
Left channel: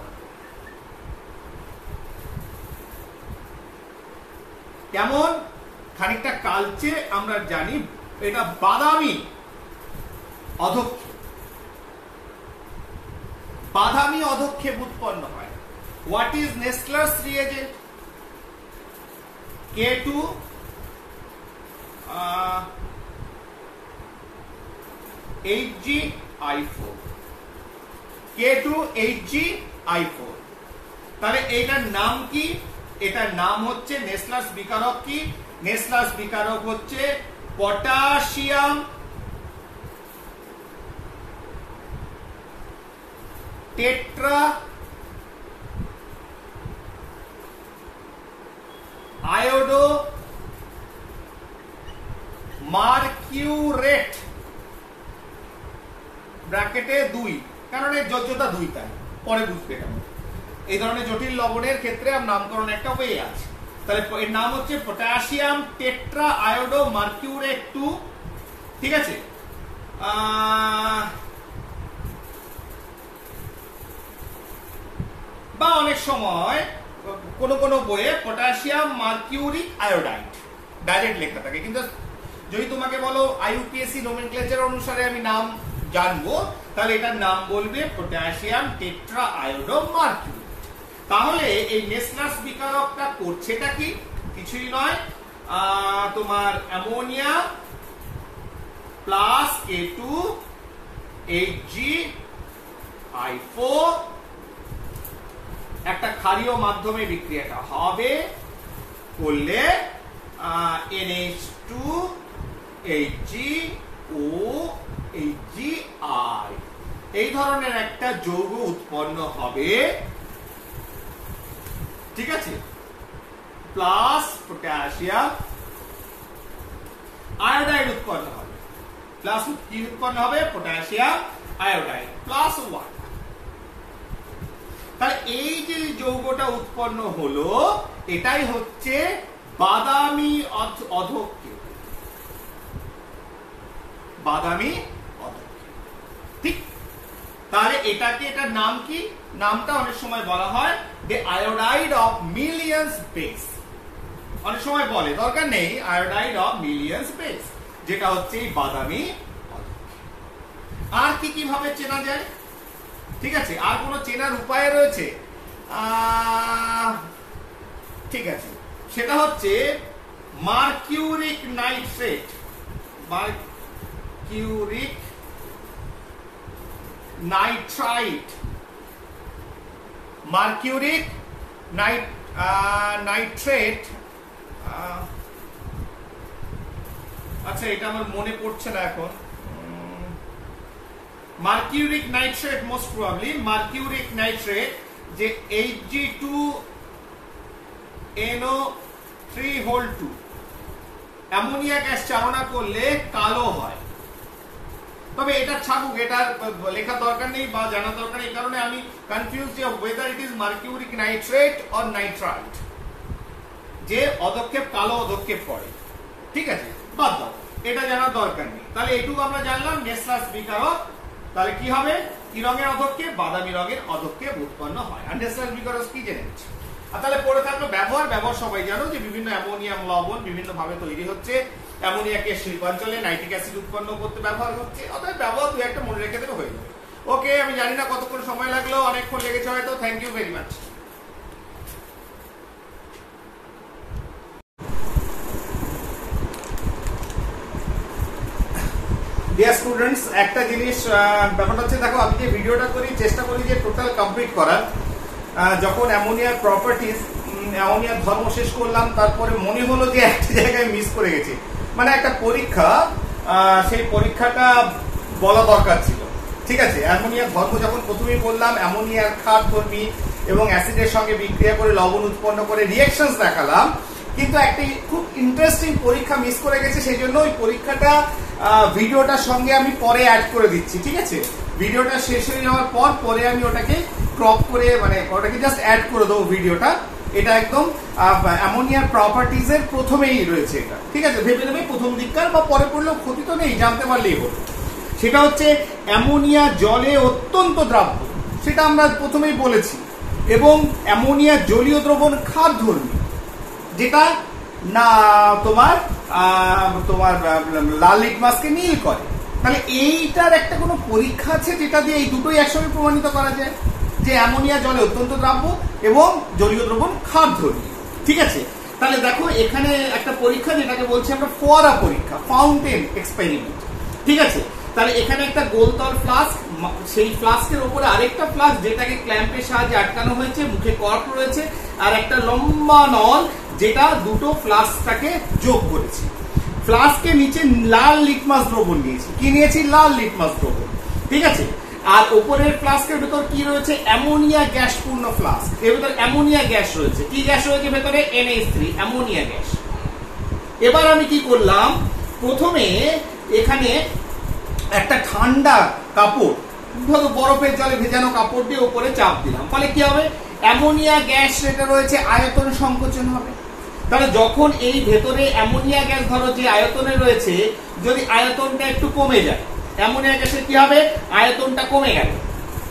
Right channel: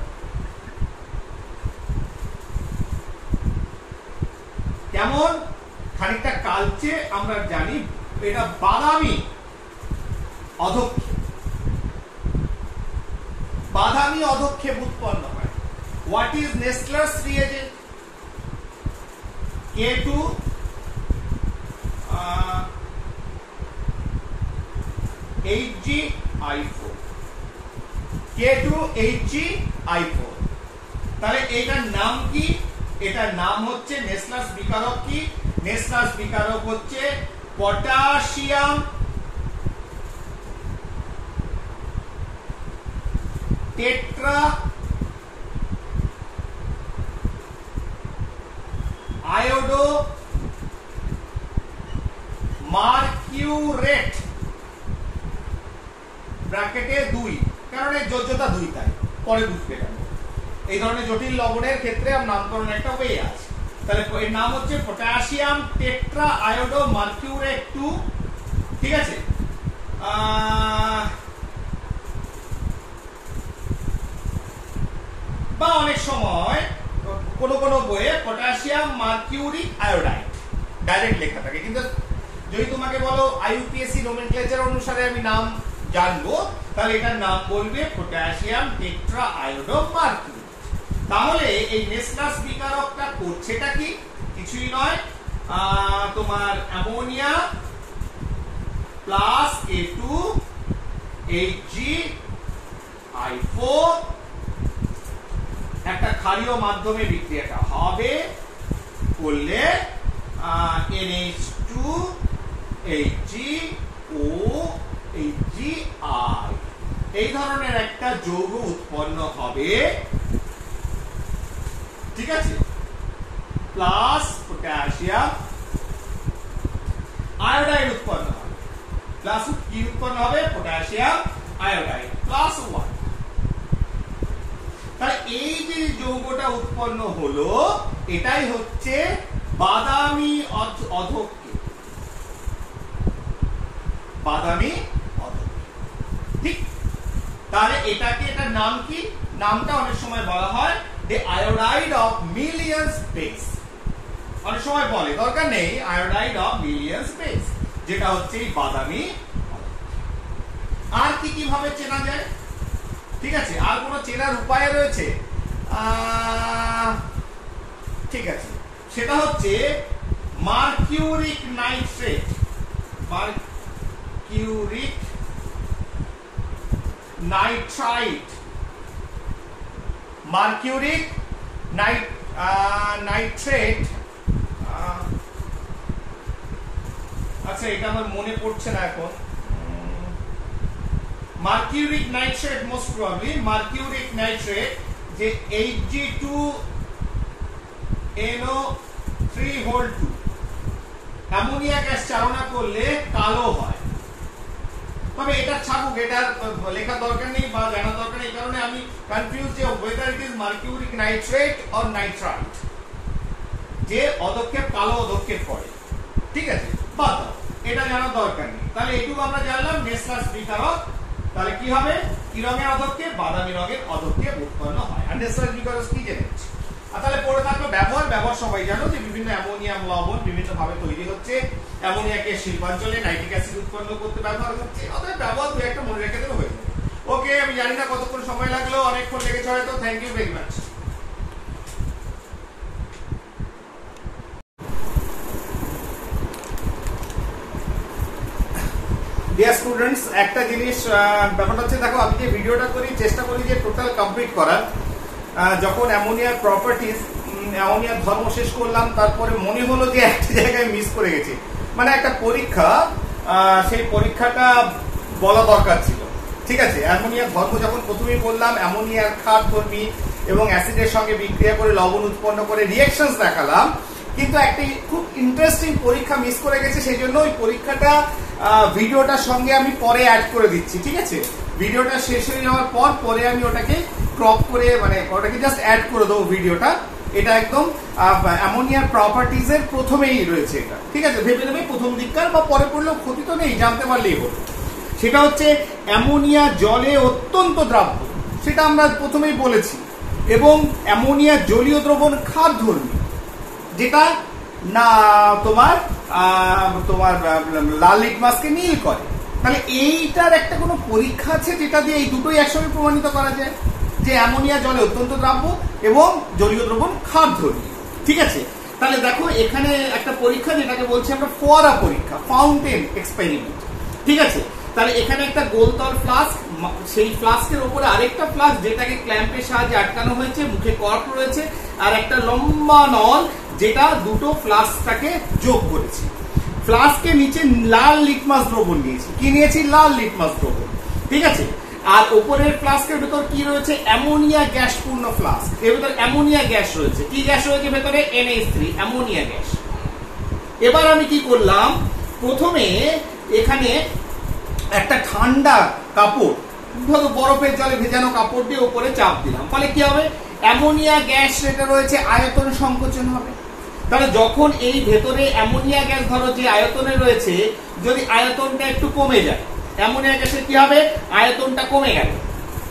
কেমন খানিকটা কালচে, আমরা জানি এটা বাদামি অধক্ষেপ, বাদামি অধক্ষেপ উৎপন্ন হয়। What is Nessler's reagent? K2 HgI4, K2 HgI4। তাহলে এটার নাম কি? এটার নাম হচ্ছে নেসলার্স বিকারক। কি নেসলার্স বিকারক? হচ্ছে পটাশিয়াম টেট্রা আয়োডো মার্কিউরেট ব্র্যাকেটে 2, কারণ এর যোজ্যতা 2, তাই পরে বুঝবে কেন। এই ধরনের জটিল লবণের ক্ষেত্রে নামকরণ একটা ওয়ে আছে। তাহলে এর নাম হচ্ছে পটাশিয়াম টেট্রা আয়োডো মার্কিউরেট 2, ঠিক আছে। বা অনেক সময় কোন বইয়ে পটাশিয়াম মার্কিউরিক আয়োডাইড ডাইরেক্ট লেখা থাকে, কিন্তু যদি তোমাকে বলো IUPAC নোমেনক্লেচার অনুসারে আমি নাম জানবো, তাহলে এটার নাম বলবে পটাশিয়াম টেট্রা আয়োডো মার্কিউরেট। তাহলে এই নেসলাস বিকারকটা করছেটা কি? কিছুই নয়, তোমার অ্যামোনিয়া প্লাস H2HgI4 একটা ক্ষারীয় মাধ্যমে বিক্রিয়াটা হবে, করলে NH2HgOHgI এই ধরনের একটা যৌগ উৎপন্ন হবে, ঠিক আছে, প্লাস পটাশিয়াম আয়োডাইড উৎপন্ন হবে, প্লাস কি উৎপন্ন হবে? Potassium iodide plus 1। তাহলে এই যে যৌগটা উৎপন্ন হলো এটাই হচ্ছে বাদামি অধক্ষেপ, বাদামি অধক্ষেপ, ঠিক। তাহলে এটার নাম কি? নামটা অনেক সময় বলা হয় the iodide of millions base, অনেক সময় বলে, দরকার নেই, iodide of millions base, যেটা হচ্ছে এই বাদামি অধক্ষেপ। আর কি কিভাবে চেনা যায়? ঠিক আছে, আর কোন চেনার উপায় রয়েছে? ঠিক আছে, সেটা হচ্ছে mercuric nitrate, mercuric nitrite, mercuric nitrate, আচ্ছা এটা আমার মনে পড়ছে না এখন, mercuric nitrate, most probably mercuric nitrate, যে Hg2NO3(2) অ্যামোনিয়া গ্যাস চালনা করলে কালো হয়। তবে এটা ছাড়ুক, এটার লেখা দরকার নেই বা জানা দরকার নেই, কারণে আমি কনফিউজ যে whether it is mercuric nitrate or nitrite, যে অধক্ষেপ কালো অধক্ষেপ করে, ঠিক আছে, বাদ দাও, এটা জানার দরকার নেই। তাহলে এটুকু আমরা জানলাম নেসলাস বিকারক। তাহলে কি হবে? কি রঙের অধক্ষেপ? বাদামি রঙের অধক্ষেপ উৎপন্ন হয়। আর নেসলাস বিকারক কি জেনেছ? আর তাহলে পড়ে থাকলো ব্যবহার সবাই জানো যে বিভিন্ন অ্যামোনিয়াম লবণ বিভিন্ন ভাবে তৈরি হচ্ছে, অ্যামোনিয়াকে শিল্পাঞ্চলে নাইট্রিক অ্যাসিড উৎপন্ন করতে ব্যবহার হচ্ছে, অতএব ব্যবহার দু একটা মনে রেখে দেবে, হয়ে যাবে। ওকে, আমি জানি না কতক্ষণ সময় লাগলো, অনেকক্ষণ লেগেছে হয়তো। Thank you very much. Dear students, একটা জিনিস ব্যাপারটা হচ্ছে, দেখো আমি যে ভিডিওটা করি চেষ্টা করি যে টোটাল কমপ্লিট করার। যখন অ্যামোনিয়ার প্রপার্টিজ, অ্যামোনিয়ার ধর্ম শেষ করলাম, তারপরে মনে হলো যে একটা জায়গায় মিস করে গেছি, মানে একটা পরীক্ষা, সেই পরীক্ষাটা বলা দরকার ছিল, ঠিক আছে। অ্যামোনিয়ার ধর্ম যখন প্রথমেই বললাম, অ্যামোনিয়ার ক্ষারধর্মী এবং অ্যাসিডের সঙ্গে বিক্রিয়া করে লবণ উৎপন্ন করে রিঅ্যাকশনস দেখালাম, কিন্তু একটা খুব ইন্টারেস্টিং পরীক্ষা মিস করে গেছে, সেই জন্য ওই পরীক্ষাটা ভিডিওটার সঙ্গে আমি পরে অ্যাড করে দিচ্ছি, ঠিক আছে। ভিডিওটা শেষ হয়ে যাওয়ার পর পরে আমি ওটাকে ক্রপ করে, মানে ওটাকে জাস্ট অ্যাড করে দেবো ভিডিওটা। এটা একদম অ্যামোনিয়ার প্রপার্টিজ এর প্রথমেই রয়েছে এটা, ঠিক আছে। ভেবে নেবে প্রথম দিককার, বা পরে পড়লেও ক্ষতি তো নেই, জানতে পারলেই হলো। সেটা হচ্ছে অ্যামোনিয়া জলে অত্যন্ত দ্রাব্য, সেটা আমরা প্রথমেই বলেছি, এবং অ্যামোনিয়া জলীয় দ্রবণ ক্ষারধর্মী, যেটা না তোমার লাল লিটমাসকে নীল করে। তাহলে এইটার একটা কোনো পরীক্ষা আছে যেটা দিয়ে এই দুটোই একসঙ্গে প্রমাণিত করা যায় যে অ্যামোনিয়া জলে অত্যন্ত দ্রাব্য এবং জলীয় দ্রবণ ক্ষারধর্মী, ঠিক আছে। তাহলে দেখো এখানে একটা পরীক্ষা যেটাকে বলছি আমরা ফোয়ারা পরীক্ষা, ফাউন্টেন এক্সপেরিমেন্ট, ঠিক আছে। তাহলে এখানে একটা গোলতল ফ্লাস্ক, সেই ফ্লাস্কের উপরে আরেকটা ফ্লাস্ক যেটাকে ক্ল্যাম্পের সাহায্যে আটকানো হয়েছে, মুখে কর্ক রয়েছে, আর একটা লম্বা নল যেটা দুটো ফ্লাস্কটাকে যোগ করেছি। ফ্লাস্কের নিচে লাল লিটমাস দ্রবণ নিয়েছি, কি নিয়েছি? লাল লিটমাস দ্রবণ, ঠিক আছে। আর উপরের ফ্লাস্কের ভেতর কি রয়েছে? অ্যামোনিয়া গ্যাস পূর্ণ ফ্লাস্ক, এর ভেতর অ্যামোনিয়া গ্যাস রয়েছে। কি গ্যাস রয়েছে ভেতরে? NH3, ammonia gas. এবার আমি কি করলাম, প্রথমে এখানে একটা ঠান্ডা কাপড়, ধরো বরফের জলে ভেজানো কাপড় দিয়ে উপরে চাপ দিলাম, ফলে কি হবে? অ্যামোনিয়া গ্যাস যেটা রয়েছে আয়তন সংকোচন হবে। তাহলে যখন এই ভেতরে অ্যামোনিয়া গ্যাস ধরো যে আয়তনে রয়েছে, যদি আয়তনটা একটু কমে যায়, অ্যামোনিয়া গ্যাসের কি হবে? আয়তনটা কমে গেল,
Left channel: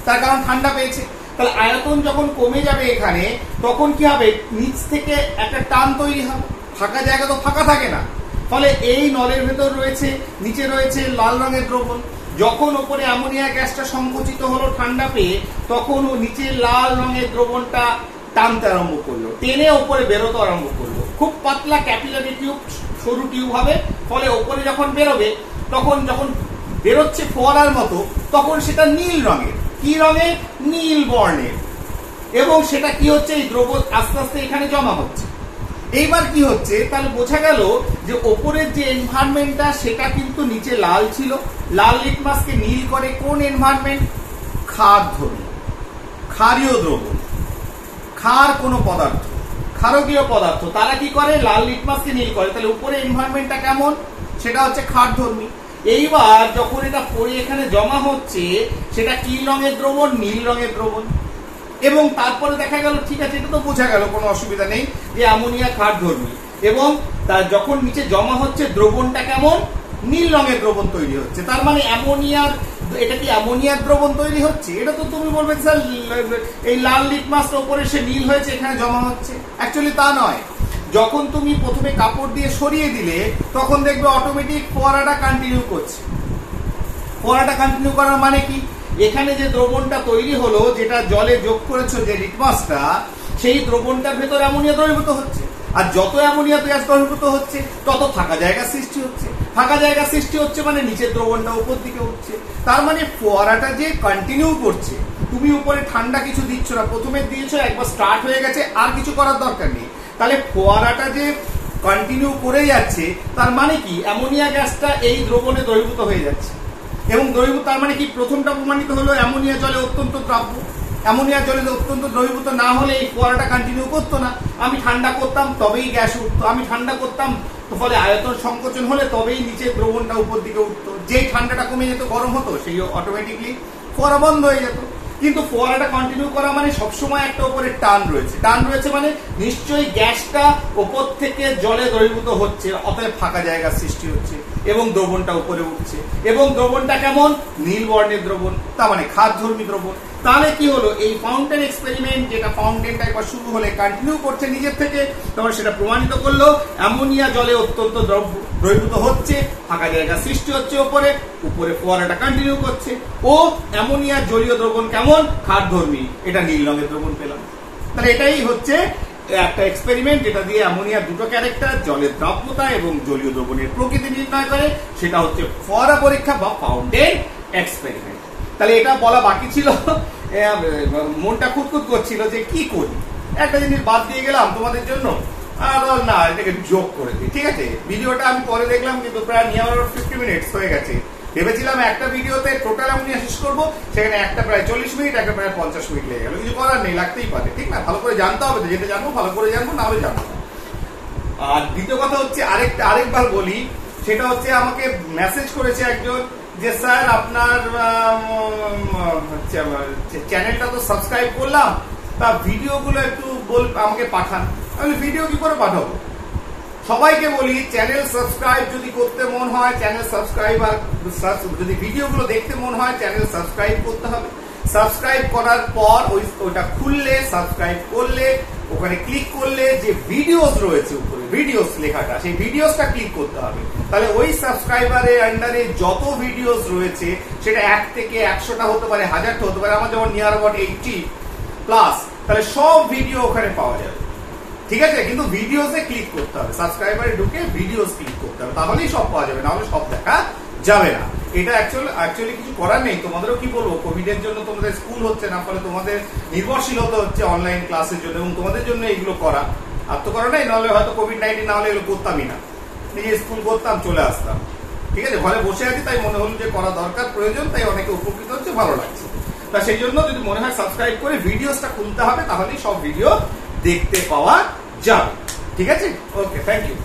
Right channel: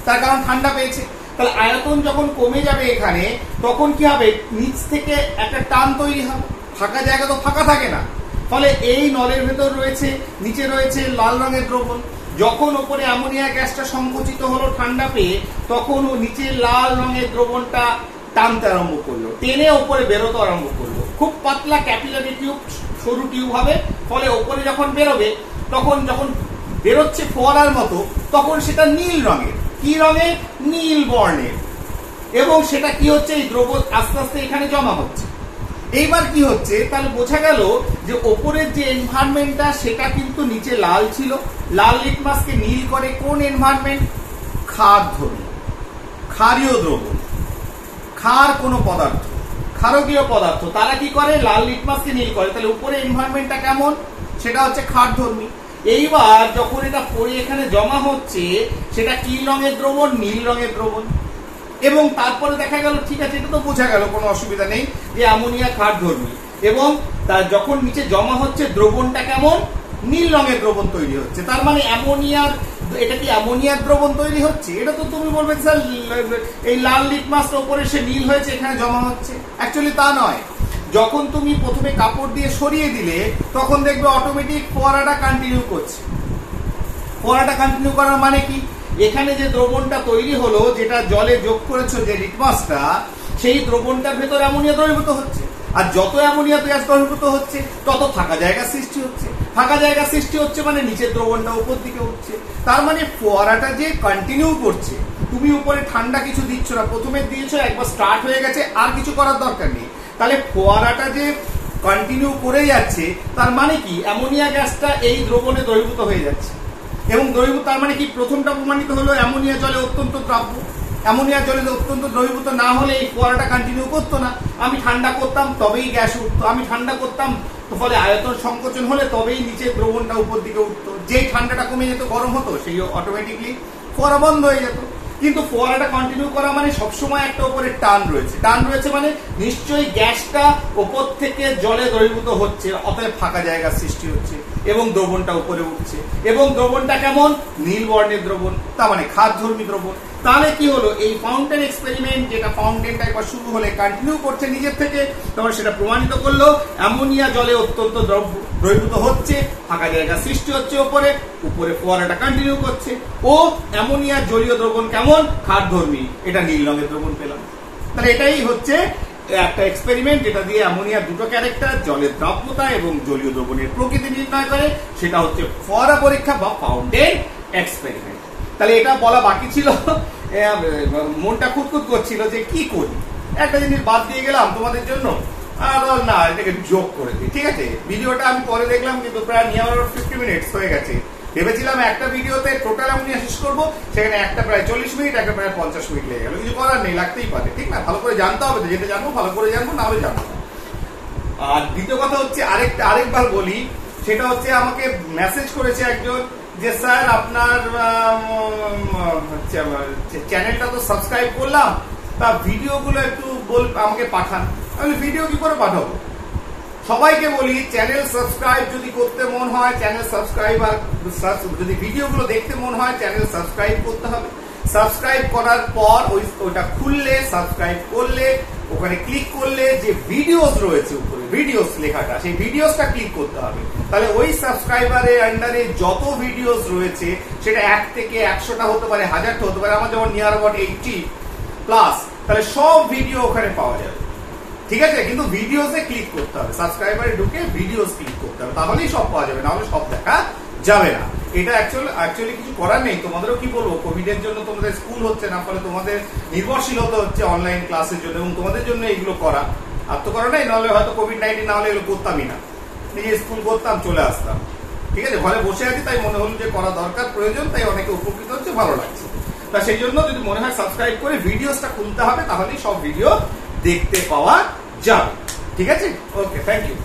তার কারণ ঠান্ডা পেয়েছে। তাহলে আয়তন যখন কমে যাবে এখানে, তখন কি হবে? নিচ থেকে একটা টান তৈরি হবে, ফাঁকা জায়গা তো ফাঁকা থাকে না, ফলে এই নলের ভেতর রয়েছে, নিচে রয়েছে লাল রঙের দ্রবণ। যখন ওপরে অ্যামোনিয়া গ্যাসটা সংকুচিত হলো ঠান্ডা পেয়ে, তখন ও নিচে লাল রঙের দ্রবণটা টানতে আরম্ভ করলো, টেনে ওপরে বেরোতে আরম্ভ করলো। খুব পাতলা ক্যাপিলারি টিউব, সরু টিউব হবে, ফলে ওপরে যখন বেরোবে তখন যখন বেরোচ্ছে ফোয়ারার মতো, তখন সেটা নীল রঙের। কি রঙের? নীল বর্ণের। এবং সেটা কি হচ্ছে, এই দ্রব্য আস্তে আস্তে এখানে জমা হচ্ছে। এইবার কি হচ্ছে, তাহলে বোঝা গেল যে ওপরের যে এনভায়রনমেন্টটা সেটা কিন্তু নিচে লাল ছিল। লাল লিটমাসকে নীল করে কোন এনভায়রনমেন্ট? ক্ষারধর্মী, ক্ষারীয় দ্রবণ, ক্ষার কোন পদার্থ, ক্ষারকীয় পদার্থ, তারা কি করে? লাল লিটমাসকে নীল করে। তাহলে উপরে এনভায়রনমেন্টটা কেমন? সেটা হচ্ছে ক্ষারধর্মী। এইবার যখন এটা পড়ে এখানে জমা হচ্ছে, সেটা কি রঙের দ্রবণ? নীল রঙের দ্রবণ। এবং তারপরে দেখা গেল, ঠিক আছে, এটা তো বোঝা গেল, কোনো অসুবিধা নেই যে অ্যামোনিয়া ক্ষারধর্মী। এবং তার যখন নিচে জমা হচ্ছে দ্রবণটা কেমন? নীল রঙের দ্রবণ তৈরি হচ্ছে। তার মানে অ্যামোনিয়ার, এটা কি অ্যামোনিয়ার দ্রবণ তৈরি হচ্ছে? এটা তো তুমি বলবে স্যার এই লাল লিটমাসটা উপরে সে নীল হয়েছে, এখানে জমা হচ্ছে। অ্যাকচুয়ালি তা নয়। যখন তুমি প্রথমে কাপড় দিয়ে সরিয়ে দিলে, তখন দেখবে অটোমেটিক ফোয়ারাটা কন্টিনিউ করছে। ফোয়ারাটা কন্টিনিউ করার মানে কি? এখানে যে দ্রবণটা তৈরি হলো, যেটা জলে যোগ করেছো যে লিটমাসটা, সেই দ্রবণটার ভেতর অ্যামোনিয়া দ্রবীভূত হচ্ছে। আর যত অ্যামোনিয়া গ্যাস দ্রবীভূত হচ্ছে, তত ফাঁকা জায়গা সৃষ্টি হচ্ছে। ফাঁকা জায়গা সৃষ্টি হচ্ছে মানে নিচের দ্রবণটা উপর দিকে উঠছে। তার মানে ফোয়ারাটা যে কন্টিনিউ করছে। তুমি উপরে ঠান্ডা কিছু দিচ্ছ না, প্রথমে দিয়েছো, একবার স্টার্ট হয়ে গেছে, আর কিছু করার দরকার নেই। তাহলে ফোয়ারাটা যে কন্টিনিউ করে যাচ্ছে, তার মানে কি? অ্যামোনিয়া গ্যাসটা এই দ্রবণে দ্রবীভূত হয়ে যাচ্ছে। এবং দ্রবীভূত, তার মানে কি? প্রথমটা প্রমাণিত হলো অ্যামোনিয়া জলে অত্যন্ত দ্রাব্য। অ্যামোনিয়া জলে অত্যন্ত দ্রবীভূত না হলে এই ফোয়ারাটা কন্টিনিউ করতো না। আমি ঠান্ডা করতাম তবেই গ্যাস উঠতো, আমি ঠান্ডা করতাম ফলে আয়তন সংকোচন হলে তবেই নিচে দ্রবণটা উপর দিকে উঠতো। যেই ঠান্ডাটা কমে যেত, গরম হতো, সেই অটোমেটিকলি ফোয়ারা বন্ধ হয়ে যেত। কিন্তু ফোয়ারাটা কন্টিনিউ করা মানে সবসময় একটা উপরে টান রয়েছে। টান রয়েছে মানে নিশ্চয়ই গ্যাসটা উপর থেকে জলে দ্রবীভূত হচ্ছে, অতএব ফাঁকা জায়গা সৃষ্টি হচ্ছে এবং দ্রবণটা উপরে উঠছে। এবং দ্রবণটা কেমন? নীল বর্ণের দ্রবণ, তার মানে ক্ষারধর্মী দ্রবণ। তাহলে কি হলো, এই ফাউন্টেন এক্সপেরিমেন্ট, যেটা ফাউন্টেনটা একবার শুরু হলে কন্টিনিউ করছে নিজের থেকে, তখন সেটা প্রমাণিত করলো অ্যামোনিয়া জলে অত্যন্ত দ্রবীভূত হচ্ছে, ফাঁকা জায়গা সৃষ্টি হচ্ছে উপরে, উপরে ফোয়ারাটা কন্টিনিউ করছে। ও অ্যামোনিয়া জলীয় দ্রবণ কেমন? ক্ষারধর্মী, এটা নীল রঙের দ্রবণ পেলাম। তাহলে এটাই হচ্ছে একটা এক্সপেরিমেন্ট, যেটা দিয়ে অ্যামোনিয়ার দুটো ক্যারেক্টার, জলের দ্রাব্যতা এবং জলীয় দ্রবণের প্রকৃতি নির্ণয় করে। সেটা হচ্ছে ফোয়ারা পরীক্ষা বা ফাউন্টেন এক্সপেরিমেন্ট। তাহলে এটা বলা বাকি ছিল, মনটা খুঁতখুত করছিল যে কি করি। একটা জিনিস বাদ দিয়ে গেলাম তোমাদের জন্য, না এটাকে যোগ করে দিই। ঠিক আছে, ভিডিওটা আমি পরে দেখলাম কিন্তু প্রায় নিয়ে 50 মিনিটস হয়ে গেছে। ভেবেছিলাম একটা ভিডিওতে টোটাল অ্যামোনিয়া শেষ করবো, সেখানে একটা প্রায় 40 মিনিট, একটা প্রায় 50 মিনিট লেগে গেল। কিছু করার নেই, লাগতেই পারে, ঠিক না? ভালো করে জানতে হবে, যেটা জানবো ভালো করে জানবো, না হলে জানবো না। আর দ্বিতীয় কথা হচ্ছে, আরেকবার বলি, সেটা হচ্ছে আমাকে মেসেজ করেছে একজন যে স্যার আপনার চ্যানেলটা তো সাবস্ক্রাইব করলাম, তা ভিডিওগুলো একটু আমাকে পাঠান। আমি ভিডিও কি করে পাঠাবো? সবাইকে বলি, চ্যানেল সাবস্ক্রাইব যদি করতে মন হয়, চ্যানেল সাবস্ক্রাইব, আর যদি ভিডিওগুলো দেখতে মন হয়, চ্যানেল সাবস্ক্রাইব করতে হবে। সাবস্ক্রাইব করার পর ওইটা খুললে, সাবস্ক্রাইব করলে, ওখানে ক্লিক করলে যে ভিডিওস রয়েছে উপরে, ভিডিওস লেখাটা, সেই ভিডিওসটা ক্লিক করতে হবে। তাহলে ওই সাবস্ক্রাইবারের আন্ডারে যত ভিডিওস রয়েছে, সেটা 1 থেকে 100টা হতে পারে, 1000টা হতে পারে, আমার যেমন নিয়ার অ্যাবাউট 80+, তাহলে সব ভিডিও ওখানে পাওয়া যাবে। ঠিক আছে, কিন্তু ভিডিওসে ক্লিক করতে হবে, সাবস্ক্রাইবারে ঢুকে ভিডিওস ক্লিক করতে হবে, তাহলেই সব পাওয়া যাবে, না হলে সব দেখা যাবে না। এটা অ্যাকচুয়ালি কিছু করার নেই। তোমাদেরও কি বলবো, কোভিডের জন্য তোমাদের স্কুল হচ্ছে না, ফলে তোমাদের নির্ভরশীল হতে হচ্ছে অনলাইন ক্লাসের জন্য, এবং তোমাদের জন্য এগুলো করা। আর তো করা নেই, নাহলে হয়তো কোভিড-19 না হলে এগুলো করতামই না, নিজে স্কুল করতাম, চলে আসতাম। ঠিক আছে, ঘরে বসে আছি, তাই মনে হলো যে করা দরকার, প্রয়োজন, তাই অনেকে উপকৃত হচ্ছে, ভালো লাগছে। তা সেই জন্য যদি মনে হয় সাবস্ক্রাইব করে ভিডিওসটা খুলতে হবে, তাহলেই সব ভিডিও দেখতে পাওয়া যাবে। ঠিক আছে, ওকে, থ্যাংক ইউ।